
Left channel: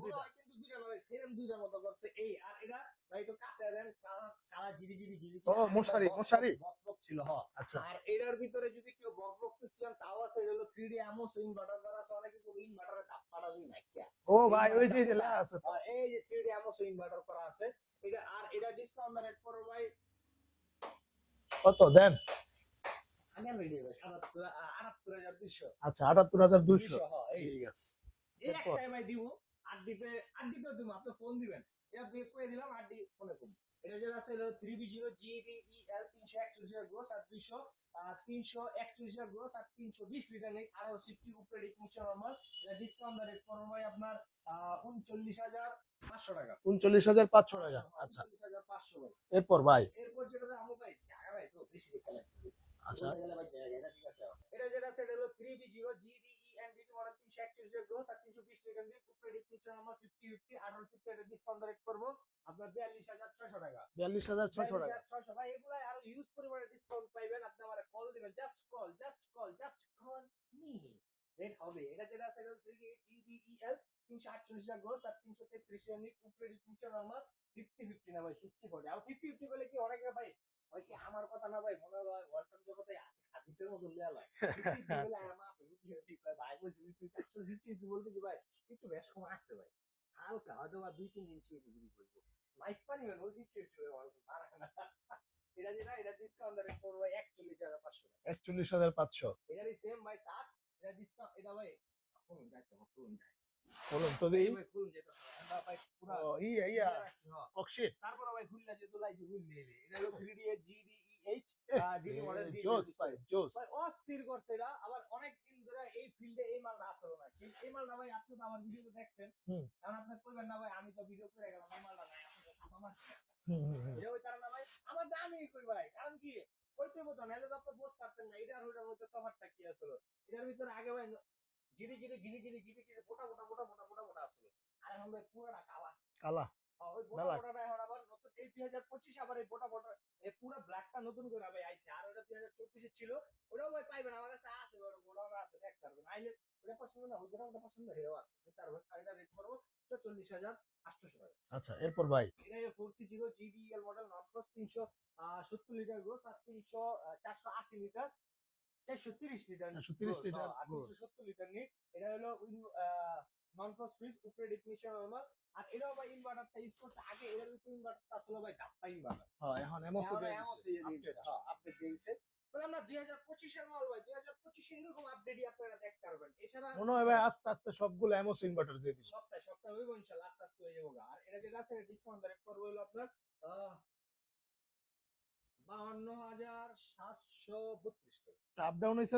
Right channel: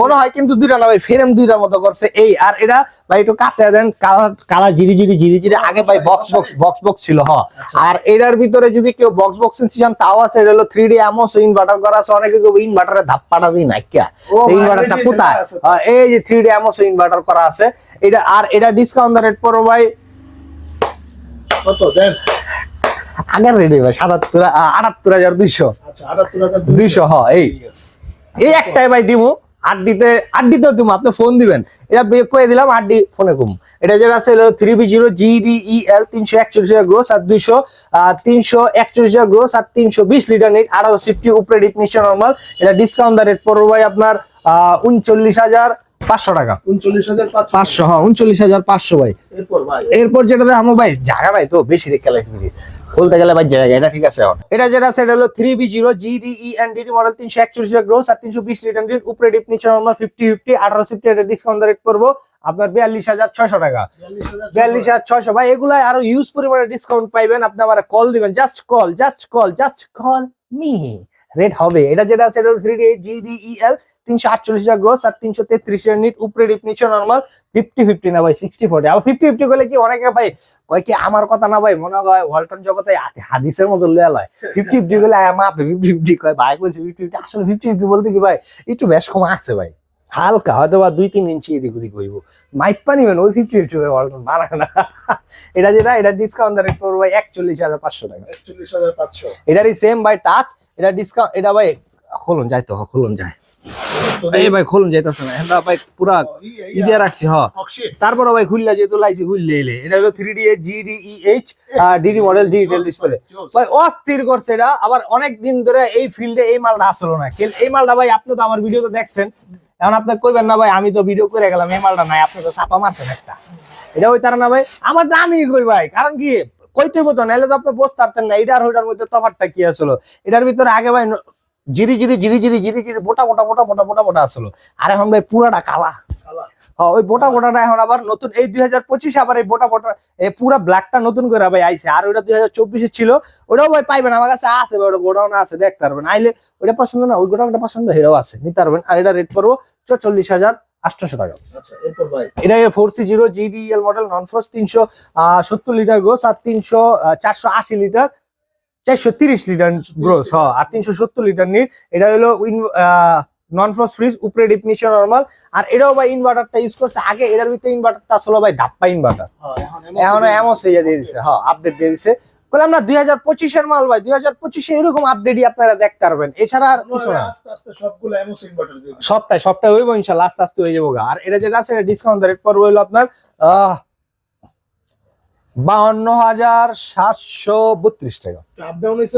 মনে হয়। কিন্তু দুইটা না ভাই ফ্রেম দুইটার মতো করছে। এই আর এটা ভাই একটু কাছে দেন কালার কালার জিরি জিরি জিরি জিরি। আগে ভাই বক্স বক্স বক্স বক্স ছিল হ্যাঁ আচ্ছা। আর এটার ভিতরে যদি কেউ বক্স বক্স চান তাও আছে এটা হলো থ্রি ডি ইনভার্টার করা আছে। অনেকে কেউ ইনভার্টারে ধাপ্পাটা দিই নাই কে ইনভার্টারটা কোথায়। হ্যাঁ, এই যে থ্রি ডি এমওস ইনভার্টার করা আছে। এটা আর এটা ডিসকাউন্ট রেট পড়ো ভাই। কত দেন? আগের রেডি ভাই সাতাত্তর আটাত্তর হাজার দুইশো। আচ্ছা আটাত্তর হাজার দুইশো। হ্যাঁ এই। এই একটাই ভাই দিমু। আড্ডিতে আড্ডিতেও দিমু আপনি ফোন দিবেন। এটা বে- কয়ে দিলাম আড্ডি ফোনে কম এটা যেটা আছে থ্রি বি জিরো জিডিইএল তিনশো একচল্লিশ গ্রোস আর দুইশো তিনশো একচল্লিশ গ্রোস আর তিনশো বিশ লিটার নিট আঠারো সিফটি উপরে ডিপ নিচে নর্মাল এটা ডিসকাউন্ট দা রেট পড়বে ভাই আপনার উনচল্লিশ হাজার পাঁচশো টাকা। উনচল্লিশ হাজার পাঁচশো। হ্যাঁ উনচল্লিশ হাজার পাঁচশো ভাই। এরপর ভাই? এরপর যেটা দেখো ভাই জায়গা নাই তো বেশি রেখে বলতে গেলে ভাই জায়গা এটা ঠিক আছে এটা যেটা এটা হলো three B zero GDE and DD model তিনশো একচল্লিশ গ্রোস আর তিনশো বিশ লিটার লিট উপরে ডিপ নিচে নর্মাল ফিফটি ফিফটি আঠারো সিফটি এটা ডিসকাউন্ট রেট করব। আপনার বিয়াল্লিশ হাজার ছয়শো টাকা। বিয়াল্লিশ হাজার ছয়শো, ভাই এগুলাই আরও ইউজ পরিমাণে ডিসকাউন্ট পাইবেন। আপনি আমার কল দিবেন। Just call just call just call me rate হবে। এটা যেটা আছে, এটা থ্রি ডি জিডিইএল তিনশো আটচল্লিশ হাজার গ্রোস আর তিনশো তেত্রিশ নিট উপরে ডিপ নিচে নর্মাল ফিফটি ফিফটি না ভাই সিক্সটি ফোর্টি আবার ফিফটি ফিফটি করলে কি অনেকে ভাই কয় কি আমার কথা না ভাই মনে হয় ওয়ালটন জগতে হাদিসের মতো লয়া লয়। ফিফটি ফিফটি করলে মাপে ফিফটি ফিফটি কয় ভাই কইছে ফিফটি ফিফটি আসলে ফিফটি ফিফটি বলতে কি ভাই একটু বেশ কম আছে ভাই। হালকা হয়তো বা দুই তিন ইঞ্চি এদিক ওদিক হইব। মাইপা নিবেন ওই ফিফটি ফিফটি ওয়ালটন বানায় না এটা যেটা এটা ডিসকাউন্ট রেট পড়বে ভাই একচল্লিশ হাজার পাঁচশো টাকা। একচল্লিশ হাজার পাঁচশো। এটারই সেম ভাই টাচ এটা ডিসকাউন্ট এটা ভাই খুলুন যাই তো খুলুন যায়। এই ভাই খুলুন যাইতেছে না ভাই পুরা রাখছি হ। তারপরে ভাই খুললা যেহেতু লাইছি খুললে এলে। এটা হলো three D GDEH DD model digital display ভাই অস্থির করছে এটা। আবার অনেক দিন ধরে এই ফিল্ডে এই মালটা আসলো না। এই মালটা ভাই আপনি তো আমার ভিডিওতে দেখছেন। এখন আপনি কইবেন না ভাই আমি তো ভিডিও করে গেলাম এই মালটা নাই আপনি তো চাপা মারছেন একটা। এটা ওই তারা না ভাই আমার আমি কই ভাই কারণ কি? কইতে হতো নাহলে তো আপনি বসতে পারতেন না এটা আর ওইটার মধ্যে তফাৎটা কি আসলো? এটার ভিতরে আগে ভাই জিরি জিরি জিরি জিরি জিরি জিরি বোটা বোটা বোটা বোটা বোটা বোটা আসলো। আর এখন ভাই পুরাটা কালা। হ্যাঁ, ওই বোটা বোটাটা এখন আবার নতুন এই দুই হাজার পঁচিশে আবার এই বোটা বোটা এই পুরা ব্ল্যাকটা নতুন করে ভাই আইছে। আর ওইটা দুই হাজার চব্বিশে ছিল ওটাও ভাই পাইবেন আমার কাছে আছে ভাই ওটা গোডাউন আছে দেখতে পারবেন। আইলে ওইটা পছন্দ না ওই গোডাউনটা পছন্দ এটাও আছে নিতে পারবেন। আর এটা রেট করব চল্লিশ হাজার আটশোশো টাকা। আচ্ছা এটা four C zero GDL model non frost তিনশো সত্তর লিটার গ্রোস আর তিনশো চারশো আশি লিটার চারশো তিরিশ লিটার গ্রোস হ আর তিনশো সত্তর লিটার নিট এটা হলো নন ফ্রোজ ফ্রিজ উপরে নিচে নর্মাল আর এটাও ভাই ইনভার্টারটা ইউজ করছে। আগে এটার ভিতরে ইনভার্টারটা আসলে ভাই ধাপ্পা ইনভার্টার এখন এমন ইয়ে দিয়ে দিছে হ্যাঁ আপডেট দিয়ে দিছে বললাম না দুই হাজার পঁচিশের মাল ভাই দুই হাজার পঁচিশে এরকম আপডেটই আপনারা দেখতে পারবেন। এছাড়া আর কিছু না। সবটাই সবটাই হইব ইনশাল্লাহ আস্তে আস্তে হয়ে যাব আর এটা যেটা আছে ডিসকাউন্ট রেট পড়বে হলো আপনার আহ বাউন্ন হাজার সাতশো বত্রিশ টাকা।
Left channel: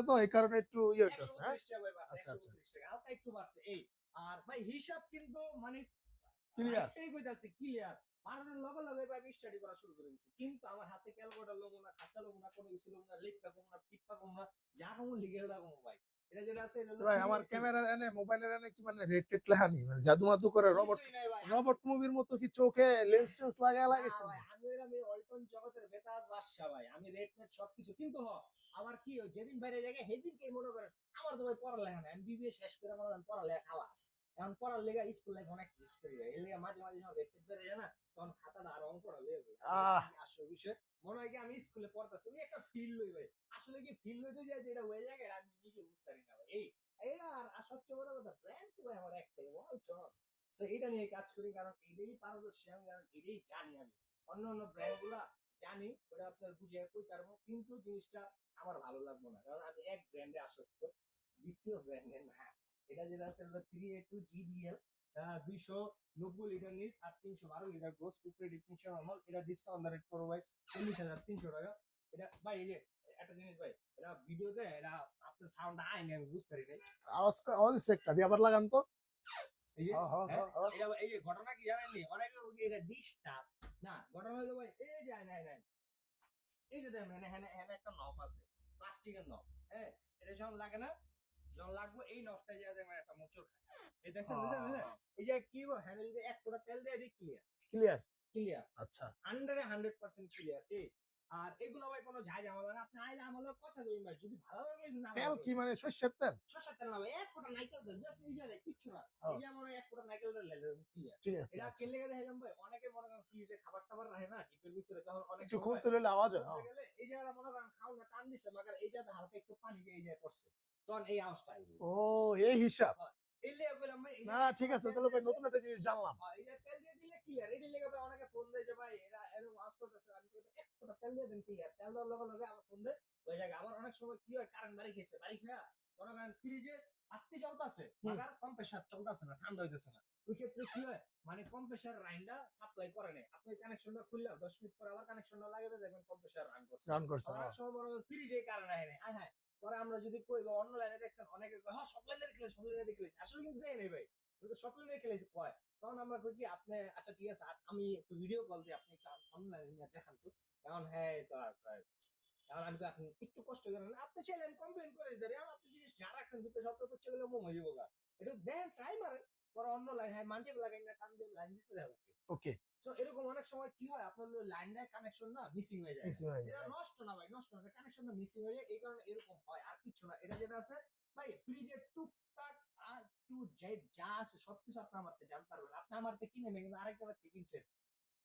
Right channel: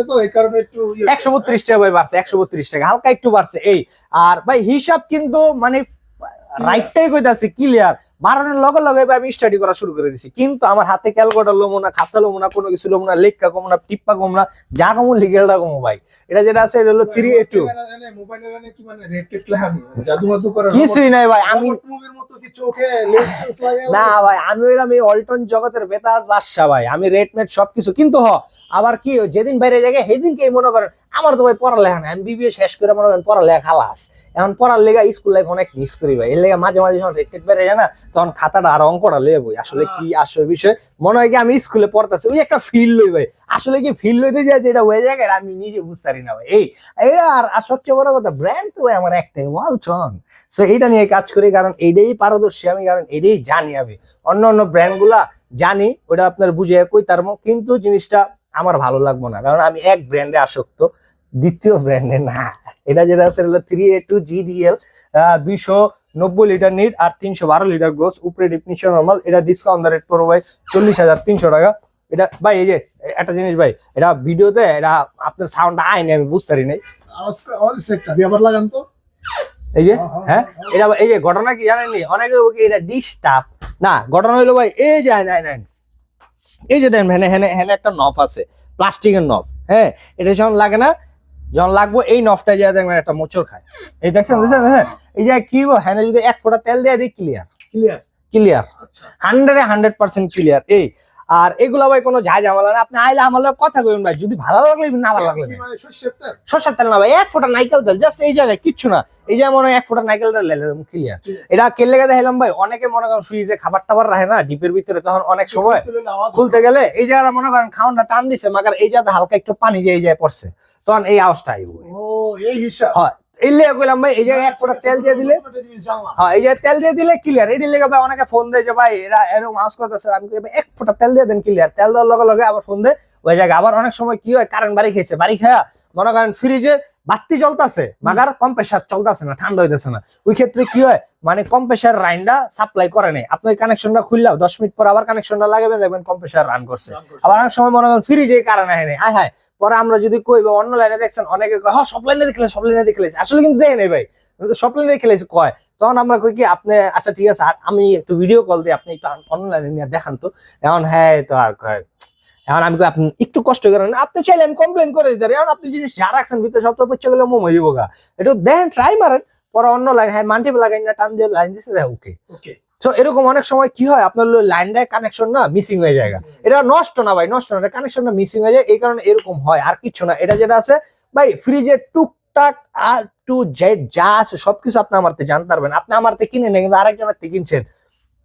তো এই কারণে একটু ইয়ে- একশো বত্রিশ টাকা ভাই বাড়ছে একশো বত্রিশ টাকা হালকা একটু বাড়ছে। এই আর ভাই হিসাব কিন্তু মানে রাইটটাই কইতাছে ক্লিয়ার বাড়ানোর লগে লগে আমি স্টাডি করা শুরু করে দিছি। কিন্তু আমার হাতে ক্যালকুলেটার লোমো না, খাতা লোমো না, কোনো কিছু লোমো না, লেখা কমো না, টিপ্পা কমো না, যা কমো লিগেলটা কমো ভাই। এটা যেটা আছে, এটা হলো থ্রি টু মাদু করে কিছুই নাই ভাই, আমি না ভাই, আমি হইলাম এই অল্টন জগতের বেতাজ বাদশা ভাই, আমি রেট মেট সবকিছু। কিন্তু হ আবার কি যেদিন বাইরে জায়গায় সেদিনকে মনে করেন আমার তো ভাই পড়ালেখা নাই আমি বিবিএ শেষ করে মনে করেন পড়ালেখা খালাস। এখন পড়ার লেগা স্কুল লাইফ অনেক মিস করি ভাই। এর লেগে মাঝে মাঝে যখন রেট টেট বেড়ে যায় না তখন খাতাটা আর অঙ্কটা লয়ে বই। আসলে কি আসলে বিষয়? মনে হয় কি আমি স্কুলে পড়তেছি ওই একটা ফিল লই ভাই। আসলে কি ফিল লইতে যায় যেটা হয়ে যায় আমি নিজে বুঝতে পারি না ভাই। এই আর আর সবচেয়ে বড় কথা ব্র্যান্ড তো ভাই আমার একটাই ওয়ালটন সো এইটা নিয়ে কাজ করি কারণ এইটাই পারদর্শী আমি কারণ এটাই জানি আমি। অন্য অন্য ব্র্যান্ডগুলা জানি ওটা আপনার বুঝে কই তারমো কিন্তু জিনিসটা আমার ভালো লাগবো না। কারণ আমি এক ব্র্যান্ডে আসক্ত দ্বিতীয় ব্র্যান্ডে না। এটা যেটা আছে হলো থ্রি এ টু জিডিএল দুইশো নব্বই লিটার নিট আর তিনশো বারো লিটার গ্রোস। উপরে ডিফিনিশন নর্মাল এটা ডিসকাউন্ট রেট পড়বে ভাই চল্লিশ হাজার তিনশো টাকা। এটা ভাই এই যে একটা জিনিস ভাই এটা ভিডিওতে এটা আপনার সাউন্ডটা আইনি আমি বুঝতে পারি নাই। আওয়াজ আওয়াজ সেটটা দিয়ে আবার লাগান তো। এই যে হ্যাঁ এটা এই যে ঘটনা কি জানেননি? অনেকে এটা ডিস্টার্ব না ঘটনা হইল ভাই এই যে আইন আইন আইন। এই যে দেখেন হ্যানে হ্যানে হ্যানে একটা নফ আছে প্লাস্টিকের নফ হ্যাঁ? এটা যখন লাগে না যখন লাগবো এই নফটা যা দেখবেন একটা মোচর খায়। এই দেখছেন দেখছেন হ্যাঁ? এই যে কি হ্যানে হ্যাঁ যদি এক ফোঁটা তেল দিয়ে দিই ক্লিয়ার ক্লিয়ার ক্লিয়ার হান্ড্রেডে হান্ড্রেড পার্সেন্ট ক্লিয়ার এই আর এগুলা ভাই কোনো ঝাঁ ঝামেলা না। আপনি আইলে আমার কথা কইবেন ভাই যদি ভালো লাগলে না ভালো লাগলে। মানে সর্ষের তেল? না ভাই এক ফোঁটা নাইকেল তেল জাস্ট এই জায়গায় কিচ্ছু না। এই যে মনে হয় এক ফোঁটা নাইকেল তেল লেলে ক্লিয়ার এটা কেলে গেলে হেলাম ভাই অনেকে মনে করেন ফ্রিজে খাবার টাবার রাখে না ডিপের ভিতরে তখন অনেক সময় খুলতে গেলে এই জায়গাটা মনে করেন খাওয়ানটা টান দিছে মাগার এই জায়গাতে হালকা একটু পানি যে এই জায়গায় পড়ছে। তখন এই আওয়াজটা আইব ও এই হিসাব। হয়। এই লেগে কইলাম ভাই এই জায়গায় এক ফোঁটা তেল দিয়ে দিলে। হ্যাঁ এই তেল দিয়ে দিলে ক্লিয়ার এটি লেগে ভাই অনেকে ফোন দেয় যে ভাই এরা এরকম আওয়াজ করতেছে। আমি এক ফোঁটা তেল দিয়ে দেন ক্লিয়ার তেল দেওয়ার লগে লগে আবার ফোন দেয় ওই জায়গায় আবার অনেক সময় কি হয় কারেন্ট বাড়ি খেয়েছে বাড়ি খায়া মনে করেন ফ্রিজে বাতি জ্বলতেছে মাগার কম্প্রেসার চলতেছে না ঠান্ডা হইতেছে না। ওই ক্ষেত্রে কি হয় মানে কম্প্রেসার রাইনটা সাপ্লাই করে নেই। আপনি কানেকশনটা খুললাও দশ মিনিট পর আবার কানেকশনটা লাগাবেন দেখবেন কম্প্রেসার রান করছে। আবার অনেক সময় মনে করেন ফ্রিজে কারণ হয় নাই। হায় হায় পরে আমরা যদি কই বা অন্য লাইনে দেখছেন, অনেকে কয় হ্যাঁ সব লাইনে দেখলে সব লাইনে দেখলে আসলে কিন্তু দেখে নেই ভাই। সব লাইনে দেখলে কয়। তখন আমরা কই কি, আপনি আচ্ছা ঠিক আছে, আর আমি একটু ভিডিও কল দিই, আপনি একটু অন্য লাইনে নিয়ে দেখান তো। এখন হ্যাঁ তো আর কয়। এখন আমি আপনি একটু কষ্ট করেন, আপনি চাইলে আমি কমপ্লেন করে দিতে পারি। এখন আপনি জিনিস যা রাখছেন, ভিতরে সব তো পচ্ছে গেলে মোমো যাব গা একটু দেন ট্রাই মারেন। পরে অন্য লাইন হ্যাঁ মাল্টিপল লাগাই না, টান দিয়ে লাইন দিছে ওকে ওকে তো এরকম অনেক সময় কি হয়? আপনার লাইনটা কানেকশন না মিসিং হয়ে যায় এটা নষ্ট না ভাই নষ্ট না। কানেকশনটা মিসিং হয়ে যায় এই কারণে এরকম হয় আর কিছু না। এটা যেটা আছে ভাই ফ্রিজের টুকটাক আর টু জেড যা আছে সবকিছু আপনি আমার থেকে জানতে পারবেন। আপনি আমার থেকে কিনে নেন কিন্তু আরেকজনের থেকে কিনছেন।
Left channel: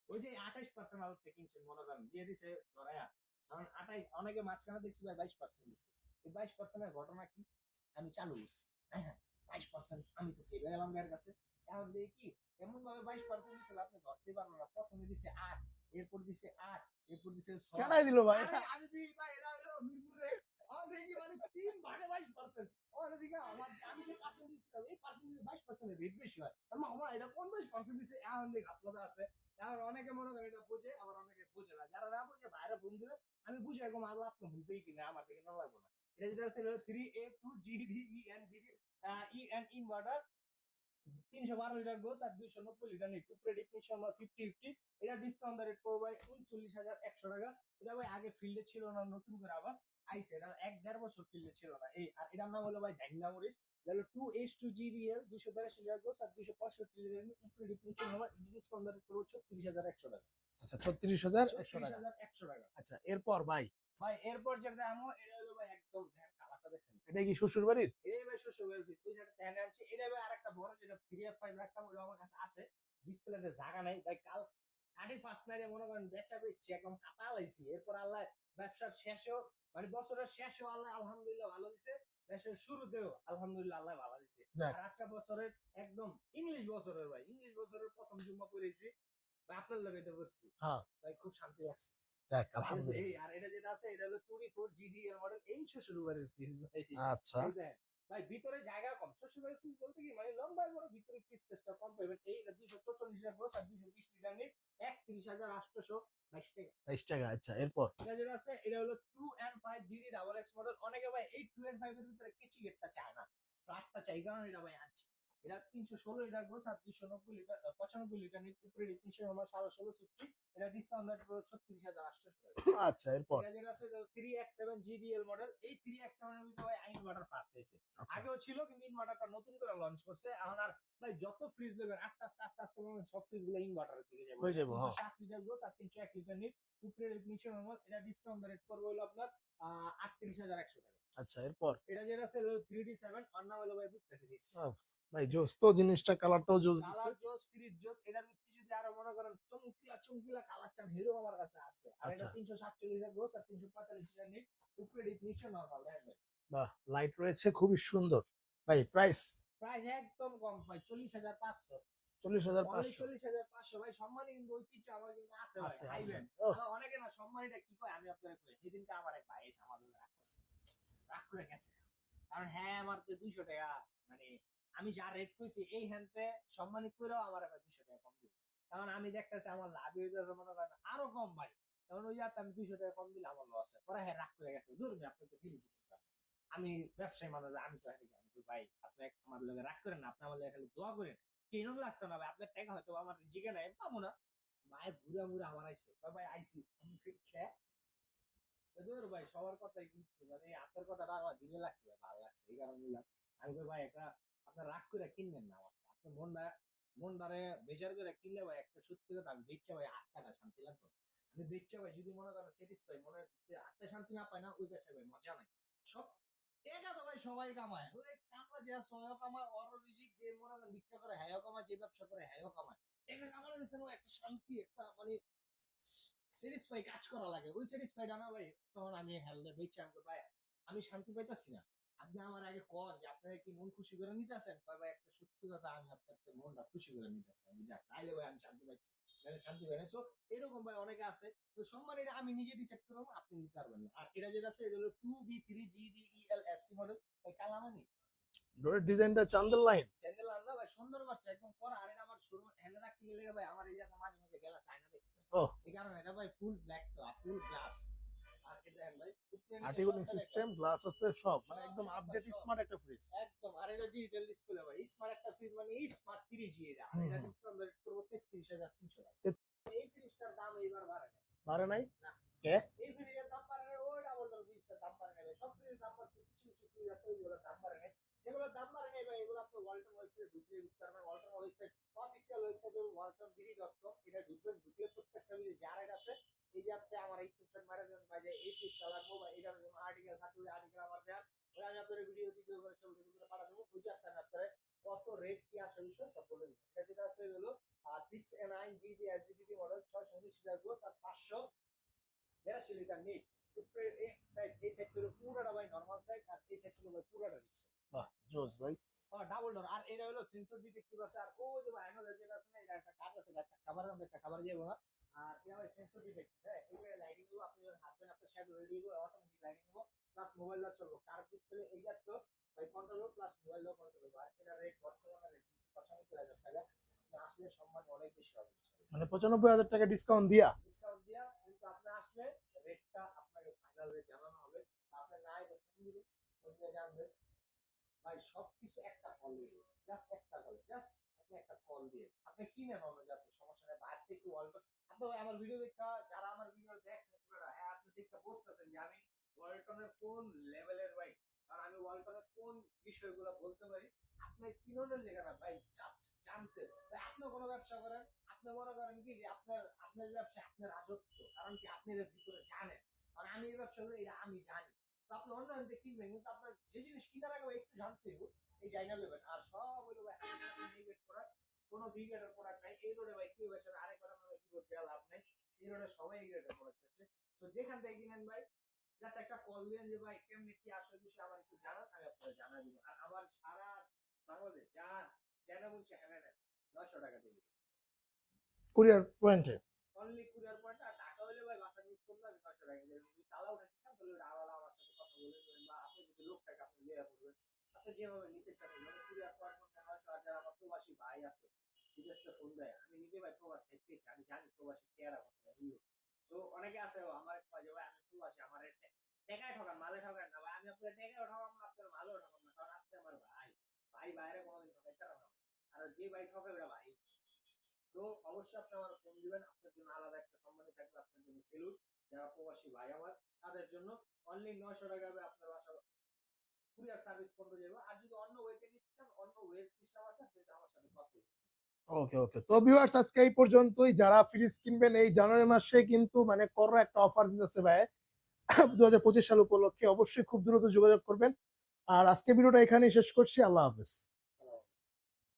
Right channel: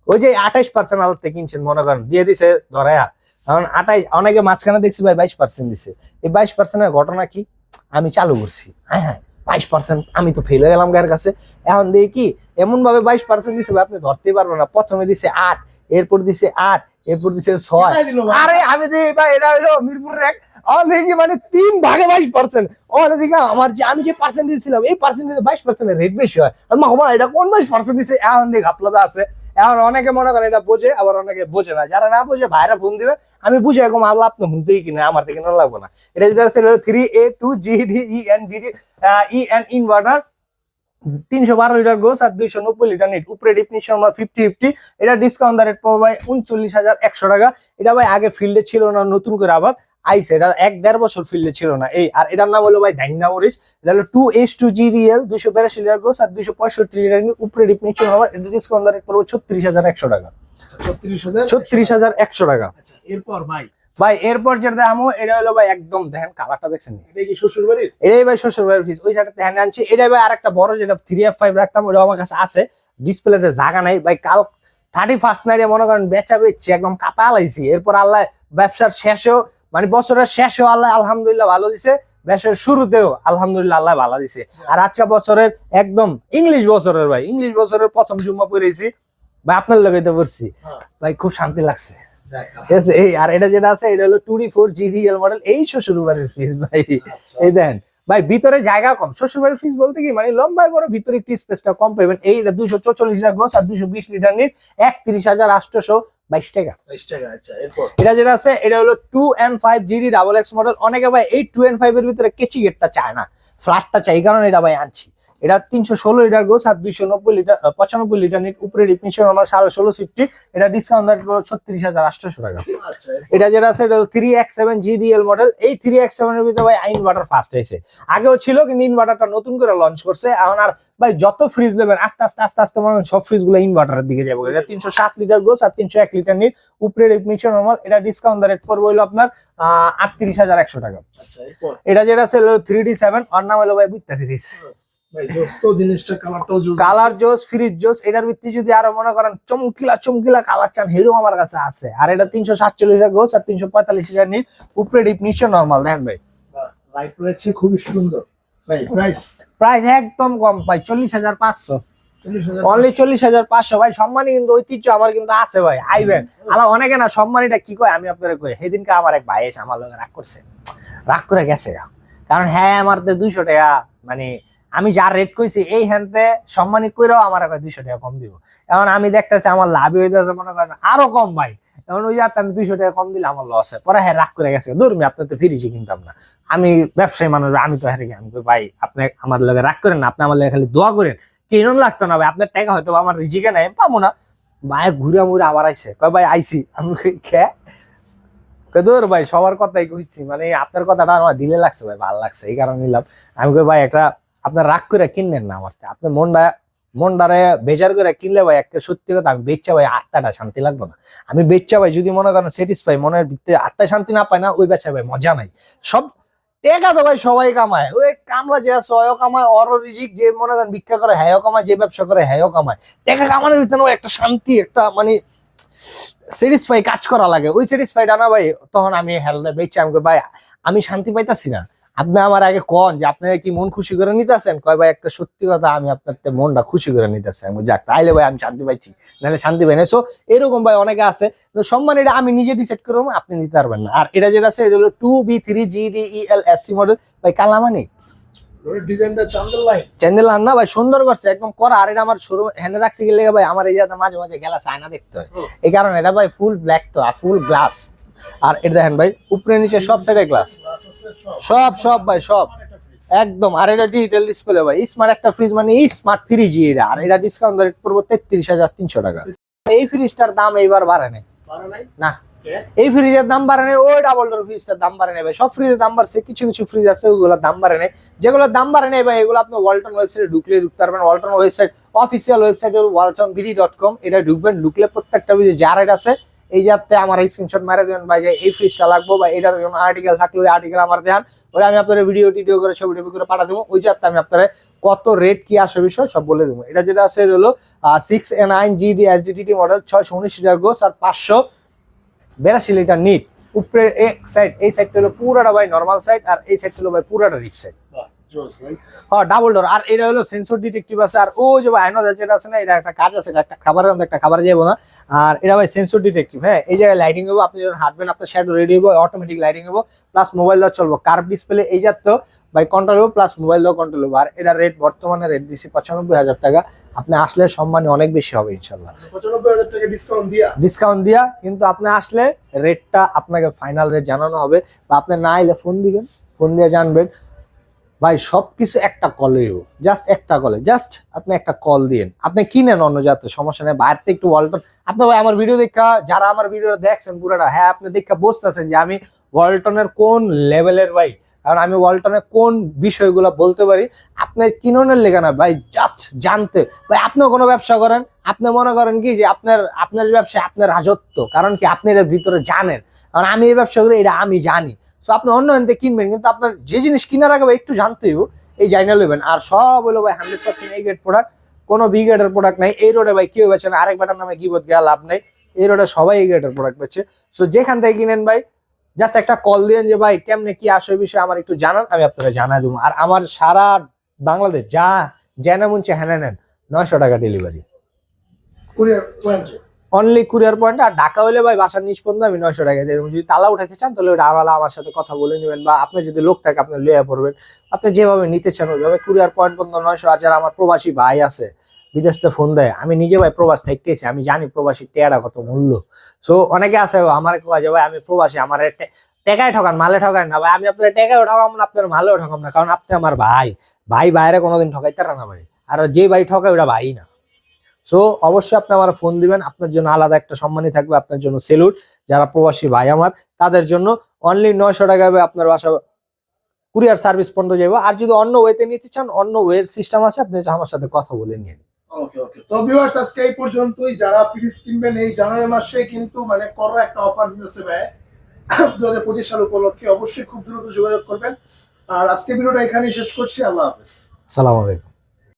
ওই যে আঠাইশ পার্সেন্ট আমার থেকে কিনছেন মনে করেন দিয়ে দিছে ধরায়া। কারণ আঠাইশ অনেকে মাঝখানে দেখছি ভাই বাইশ পার্সেন্ট দিছে। এই বাইশ পার্সেন্টের ঘটনা কি? আমি চালু করছি। হ্যাঁ হ্যাঁ। বাইশ পার্সেন্ট আমি তো ফেলে গেলাম গায়ের কাছে। এখন দেখি কি এমন ভাবে বাইশ পার্সেন্ট দিছে আপনি ধরতেই পারবেন না। প্রথমে দিছে আট এরপর দিছে আট এরপর দিছে ছয়। আরে আমি দেখি ভাই এটা হলো মিরপুরের এক মানে তিন ভাগে বাইশ পার্সেন্ট আমার যে আমি যে পার্সেন্ট দিয়েছিলাম এই পার্সেন্ট বাইশ পার্সেন্টের রেট বেশি হয়। মা এটা কোন বাইশ পার্সেন্ট দিছে? এখন দেখি গাফলাদা আছে। এখন অনেকে মনে করেন এটা বোঝে, আবার অনেকে বোঝে না। যারা না বোঝে, ভাইরা ফোন দিবে। আমি বুঝে এরকম আল্লাহ আপনি শুনতেই কিনা? আমার থেকে কিনা লাগবে না। এটা যেটা আছে three A two G D E N D E N inverter তিনশো বারো লিটার গোস আর দুইশো নব্বই লিটার নিট। উপরে ডিফিনিশন আমার ফিফটি ফিফটি এটা ডিসকাউন্ট রেট পড়বে ভাই উনচল্লিশ হাজার একশো টাকা। এটা ভাই আগে ফিল্ডে ছিল না, নতুন করে আবার আইসে এটা এক দেড় বছর ফিল্ডে ছিল না। এই আর এটার নাম হলো ভাই ডাইনা মরিচ এটা হলো two H two G REL দুইশো বিরাশি লিটার গোস আর দুইশো পঁয়ষট্টি লিটার উপরে ডিফিনিশন আমার এটা ডিসকাউন্ট রেট পড়বে ছত্রিশ হাজার একশো টাকা। ছত্রিশ হাজার একশো টাকা। আচ্ছা এরপর ভাই? ভাই এরপর যেটা আমো এটা হলো ভাই একদম দেখেন কালারটা দেখছেন এটা কি শ্বশুর বাড়ির এটাই ভাই শ্বশুর বাড়ির ফিস ওই সাইডে ধ্যান আনছি। এটাই ভাই আরেকটা বড় যেটা থ্রি এফ ফাইভ রাখতাম ওটা আমার কাছে আছে। ডিসপ্লেতে জায়গা নাই। ভাই কাল থার্টি ফার্স্ট নাইটে মনে করেন বেচা বেচছি একদম কাপা লাইছি এরপর আল্লাহ ব্যবসার শেষেও মানে বছরের শেষেও আল্লাহ আলহামদুলিল্লাহ ভালো দিছে ব্যবসার শুরুতেও আলহামদুলিল্লাহ আল্লাহ ভালো দিছে। আর আজকে বছরের একদম ইংলিশ বছরের ভাই ইংলিশ বছরের প্রথম জুম্মা পড়েছি ভাই আপনার লাগাইতে পারছি হ্যাঁ। ভাই খুব শান্তি লাগছে। এই আর এটা যেটা আছে এটা হলো টুডি ফোর জিডিএল মডেল এই শ্বশুর বাড়ির ফিস ভাই। আচ্ছা। এই দেন ভাই ভিতরে জায়গা কম শ্বশুর বাড়ির ফিস বলতে কি মানে লম্বায় বড় ভিতরে একটু স্পেসটা কম পাবেন। এইটা দুইশো চৌচল্লিশ লিটার গ্রোস আর দুইশো বিশ লিটার নিট একত্রিশ হাজার আটশোশো বাইশ টাকা। বাইশ টাকা আচ্ছা এটা যেটা আছে এটা হলো two and five GD double X model অনেকে ভাই এই টু এন্ড ফাইভ এর ভিতরে কেচি গেটটা চায় না। ফ্ল্যাটটা চাই কারণ এটা ভাই আনছি। এটা তিনশো ষোলো লিটার গোস আর দুইশো নব্বই লিটার পঁচানব্বই লিটার নিট উপরে ডিফিনিশন আমার সাড়ে ষোলো সিফটি এটা ডিসকাউন্ট ছত্রিশ হাজার আটশোশো টাকা। আচ্ছা এটা যেটা আছে এটা three X seven GDL model এই থ্রি এক্স সেভেন এর ভিতরে ভাই ইনভার্টার ফার্স্ট হয়েছে। আগেও ছিল কিন্তু ইনভার্টারটা নতুন করে লঞ্চ করছে। এখন আর ভাই যত ফ্রিজ নেবেন আস্তে আস্তে আস্তে আস্তে মনে সব ফ্রিজগুলো ইনভার্টারের দিকে যাব। তিনশো সাত লিটার গোস আর তিনশো এক লিটার নিট উপরে নিচে নর্মাল এটা ডিসকাউন্ট রেট পড়বে হলো আপনার আহ আটত্রিশ হাজার একশো টাকা। আচ্ছা এটা যেটা আছে থ্রি ডি সেভেন ওর নাম হলো ভাই বুঝতে ফ্রিজ কালার জোস ফ্রিজ জোস এটার ভিত্তি যদি আরও মনে করেন চমকিলা চমকিলা কালার চান হিরো আমার কাছে আছে। আর এটা তিনশো সাতচল্লিশ গোস আর তিনশো পঁয়তাল্লিশ হাজার নিট উপরে ডিপ নিচে নর্মাল দেখেন ভাই। লাইট রয়েছে খুবই সুন্দর। ভাই প্রাইস প্রাইস একদম কম পাই চল্লিশ হাজার পাঁচশো। অনলি চল্লিশ হাজার পাঁচশো ভাই সম্মানী কিন্তু ঐতিহ্য আমার কিন্তু আছে ভাই আইবেন। আলা অনেকে না সম্মানীটা কি কয় আমি আপনার কই সেদিনকে আমার এক ভাই এসে আমার লগে রাগ করছে। রাগ করে গেছে কারণ হ্যাঁ আমার দুইশো টাকা মানে আমি যা রেট কইছি, এই হ্যান্ডতে সম্মানী কইরাও আমার কয় দুইশো টাকা কম দিব। এখন আমি দেখতেছি আমার লাভ হইতেছে মনে করেন আরও কম ভাই। এখন ওই যাতে আমি দুইশো টাকা কম দিলে আমার লস হয়। পরে হ্যাঁ রাগ করে গেছে। দূরমি আপনার তো ফিরিছি কিনতাম না। আমি ব্যবসায়ী মানুষ, আমি তো হেরে আমি ভাই, আপনি আমার লগে রাগ করেন না, আপনি আমার লগে খালি দোয়া করেন। কেন লাগতো না ভাই, আপনার টাকা হয়তো আমার রিজিকে নাই, পাবো না। ভাই, ঘুরে মুড়ে আবার আইসে কয়, ভাই, আইছি। আমি কে? দূর ভাই, সবার কথাই কইছি। মানে আপনার কথাটা আমার দিলে লাগছে ভাই, ভালো লাগছে, এই কারণে নিলাম। আমি কই, ভাই, একটা আপনার রাগ করে কিনলেন না আমার। আপনার মনটা মনটারে বেজার করে কিনলে ভাই একটা সত্যি কথা, আমি বেচ্চা ভাই আত্মাটা শান্তি লাগবে না। আমি বেচ্চা ভাই যদি মনে করেন স্যাটিসফাই মনের ভিতরে আত্মা শান্তি না পায় না, ওই বেচা ভাই মজা নাই। সব টেকা তো ভাই সবাই কামায়। ওই কামলা যে আছে ওয়ও কামায়, অর রিজিক যে মনে করেন ভিক্ষা করে হ্যাঁ কামায়, যে ব্যবসা করে হ্যাঁ কামায়। টেকা কামানোর ভিতরে একটা শান্তি, একটা মানে স্যাটিসফাই কাজ করা লাগে। ওই স্যাটিসফাইটা না ভাই, তখন আমি হেলদে বেচে আমি ভাই, আমি শান্তি পাইতাছি না। আপনি আমার আগে কন যে আপনি কি মন খুশি করে নিতেছেন? কয় ভাই একটা সত্যি কথা আমি আপনার মনটা খুশি করে নিতেছি। আমি যাক তাইলে ভাই আমি শান্তি পাইছি নাহলে শান্তি পাই না সো এরকম ভাই অনেকে আছে তো সম্মান এটা আমি নিজে ডিসাইড করব আপনি নিতে পারবেন না। আর এটা যেটা আছে এটা হলো two B three G D E L S C model ভাই কালামানি? না ভাই সুন্দর করছে একদম করা। আর এটা আমার শুরু হ্যান্ডে রাখছি গেলে ভাই আমার এই মাঝে মাঝে গেলা আয়না দেখতে হয়। এই কারণে এটা ভাই ফুল ব্ল্যাক তো আর ফুল গ্লাস আর এটা দেখেন ভাই, উপরে নিচে সব সাইডে গ্লাস সব সব ভাই, সব। একদম, আর এটা ডিজিটাল ডিসপ্লে ভাই। স্মার্ট একটা ফ্রিজ মানে স্মার্ট ফ্রিজ এটা। আর এটা ডিসকাউন্ট রেট পড়ব তেত্রিশ হাজার তিনশো টাকা। এই ফ্রিজটার দাম এইবার বাড়ে নাই। না। এই ফ্রিজের দাম বাড়ে নাই, ওই ডাবল ডোর ফ্রিজটার দাম বাড়ে নাই ভাই। সব ফ্রিজের দাম বাড়ছে, কিছু কিছু ফ্রিজ আছে, ওগুলোর দাম বাড়ে নাই। যেগুলোর দাম বাড়ে নাই ভাই, এগুলো আপনি ওয়ালটন ওয়েবসাইটে ঢুকলে ঢুকতে পারবেন। Walton website official website Walton BD dot com এটা ঢুকবেন, ঢুকলে প্রত্যেকটা ফ্রিজে যা রেট আছে এই যাতে আমার স্ক্রিনশট মারা দেবেন, ভাই, যে এই ফ্রিজটা লাগবো বা এটার জন্য আর্টিকেল থাকলে ওই আর্টিকেল আমার দেন ওরা আমি আপনার ভিডিও টিডিও করে, ছবি টবি করে পাঠা দেবো। ওই যাতে আমি আপনার কত রেট কি আসে বিষয় সব বলে দেবো। এটা যেটা আছে হলো six A nine GD S DT model ছয়শো উনিশ লিটার গোস আর পাঁচশো বিরাশি লিটার নিট। উপরে এক সাইড এই সাইডটা হলো পুরোটা, ভাই নর্মাল সাইড আর এই সাইডটা হলো, ভাই, পুরাটা রিপ সাইড। হ্যাঁ ডাবল ডোর আর এটা হলো সেন্সর ডিটেকটিভ আছে। আর ও যে ভাই যেটা আছে না এটা একটা কাজ আছে এটা একটা খাবারের মধ্যে একটা খাবার যাব না। আর এটা ভাই সেন্সর ডিটেকটিভ হ্যাঁ? এই জায়গায় লাইটিং হব আপনি যখন হাঁটবেন আপনার শ্যাডো রেডি হব অটোমেটিক লাইটিং হব প্লাস মোবাইল দেওয়া চলবো। কার্ভ ডিসপ্লে এই ভাই কন্ট্রোল হব প্লাস মোবাইল দেওয়া কন্ট্রোল হব আর এটা রেট বর্তমানে রেট দিচ্ছি পঁচানব্বই হাজার টাকা। আপনি আসলে সম্মানী অনেক বেশি হবে ইনশাল্লাহ মানে পঁচানব্বই হাজার টাকা ডিসকাউন্ট দিয়া? ডিসকাউন্ট দিয়া কিন্তু আপনি আসলে রেটটা আপনাকে ফাইনাল রেট জানানো হবে। বা আপনি না এলে ফোন দিবেন ফোন দিয়ে জানবেন। ভাই সব কিছু একটা কলে জাস্ট একটা কলে জাস্ট আপনি একটা কল দিন আপনি কিনেন অন্য জাতের, সমস্যা নেই। বাইরে একটু ওয়ালটন আপনি ভাই, আমার ভিডিও দেখা, যারা আমার ভিডিও দেখছেন পুরোটা হ্যাঁ আপনি দেখা বুঝতেছেন যে আমি ওয়ালটনের কোন লেভেলের ভাই। কারণ আমি ওয়ালটনের কোন বিষয়গুলো বলতে পারি আপনার কিননের লেখা না ভাই জাস্ট জানতে। ভাই, আপনিও কোনো ব্যবসা করেন? আপনি মনে করেন কি যে আপনার আপনার ব্যবসা আপনার রাজত্ব। কারণ কি আপনি এর ভিতরে জানেন। কারণ আমি এই ব্যবসা করি, এটা আমি জানি। তো আপনি অন্য এনতে কিনবেন, কিন্তু আপনার যে জিনিস কেনার আগে ভাই একটু জানতে হইব, এই জাইনা লইবেন আর সব হলো ভাই হান্ড্রেড পার্সেন্ট এই গ্রেড প্রোডাক্ট কোনো বি গ্রেডের প্রোডাক্ট নাই। এই রোডে ভাই কেউ বেছে না, আরেক বেটার নামে গিবত গিয়া লাভ নাই। এই রোডে সবাই এই গ্রেডের প্রোডাক্ট বেছে সো যেখান থেকে কিনেন ভাই জাস্ট একটা কল দিন যে, ভাই, কেমনে কি আসে বিষয়ে আমার একটু জানান, আমি আপনাকে জানাই দেবো। আর আমার সারা বাংলাদেশ, যা যেন মুনছে হ্যাঁ নেন। নয়শো টাকা ডেলিভারি অনলি কুরিয়ার পয়েন্ট আর ঢাকা হলে ভাই বাসার পর্যন্ত আমি নয়শো টাকা দিয়ে যদি তালা উঠাতে চান, তাহলে ওটা আলাদা আমার সাথে কথা বলে নেবেন বা আপনার যদি লোক থাকে, আপনি লইয়া পড়বেন। আপনি যেভাবে নিতে চান ওইভাবে কুরিয়ার পয়েন্ট পর্যন্ত নয়শো আর যারা আমার প্রবাসী ভাই আছে বিদেশ থেকে ফোন দেয়, আমি নিজে ভাই প্রবাস থাকতেছি, আমি জানি প্রবাসী টেয়ারা কত মূল্য। সো অনেকে আছে আমার যে ভাই, আমি প্রবাসী, আমার টেকায় ঠকান, মালে ঠকান না ভাই। আমি আপনার টেকায় ঠকাম না, আপনার মালেও ঠকাম না, কারণ আপনি আমার ভাই। ভাই বাইরে কোনোদিন ঠকাইতে না ভাই। আর যে ভাই ঠকায় ওটা ভাই না। সো অবশ্যই আপনি আমার ফোন দিবেন। আপনার জন্য আলাদা একটা সম্মানই থাকবে আপনার জন্য সেলুট যারা প্রবাসী ভাই আমার তাদের জন্য অনলি নয়শো টাকা আপনার বাসা কুরিয়ার সার্ভিস পর্যন্ত যাব আর যদি অন্য ওয়েতে নিতে চান অন্য ওয়ের সিস্টেম আছে আপনি আমার সাথে কথা বলে নিন। ওকে ওকে তো ভিউয়ার্স আজকে এই পর্যন্তই। যারা ফ্রিজ কিনবেন এই জানুয়ারি মাসে কিন্তু মানে করো একটা অফার দিতেছে ভাই। দু হাজার পঁচিশ সাল উপলক্ষে অবশ্যই খুব দ্রুত যোগাযোগ করবেন। আর আজকে ভিডিওটা এখানেই শেষ করছি। আল্লাহ হাফেজ। সালাম আলাইকুম।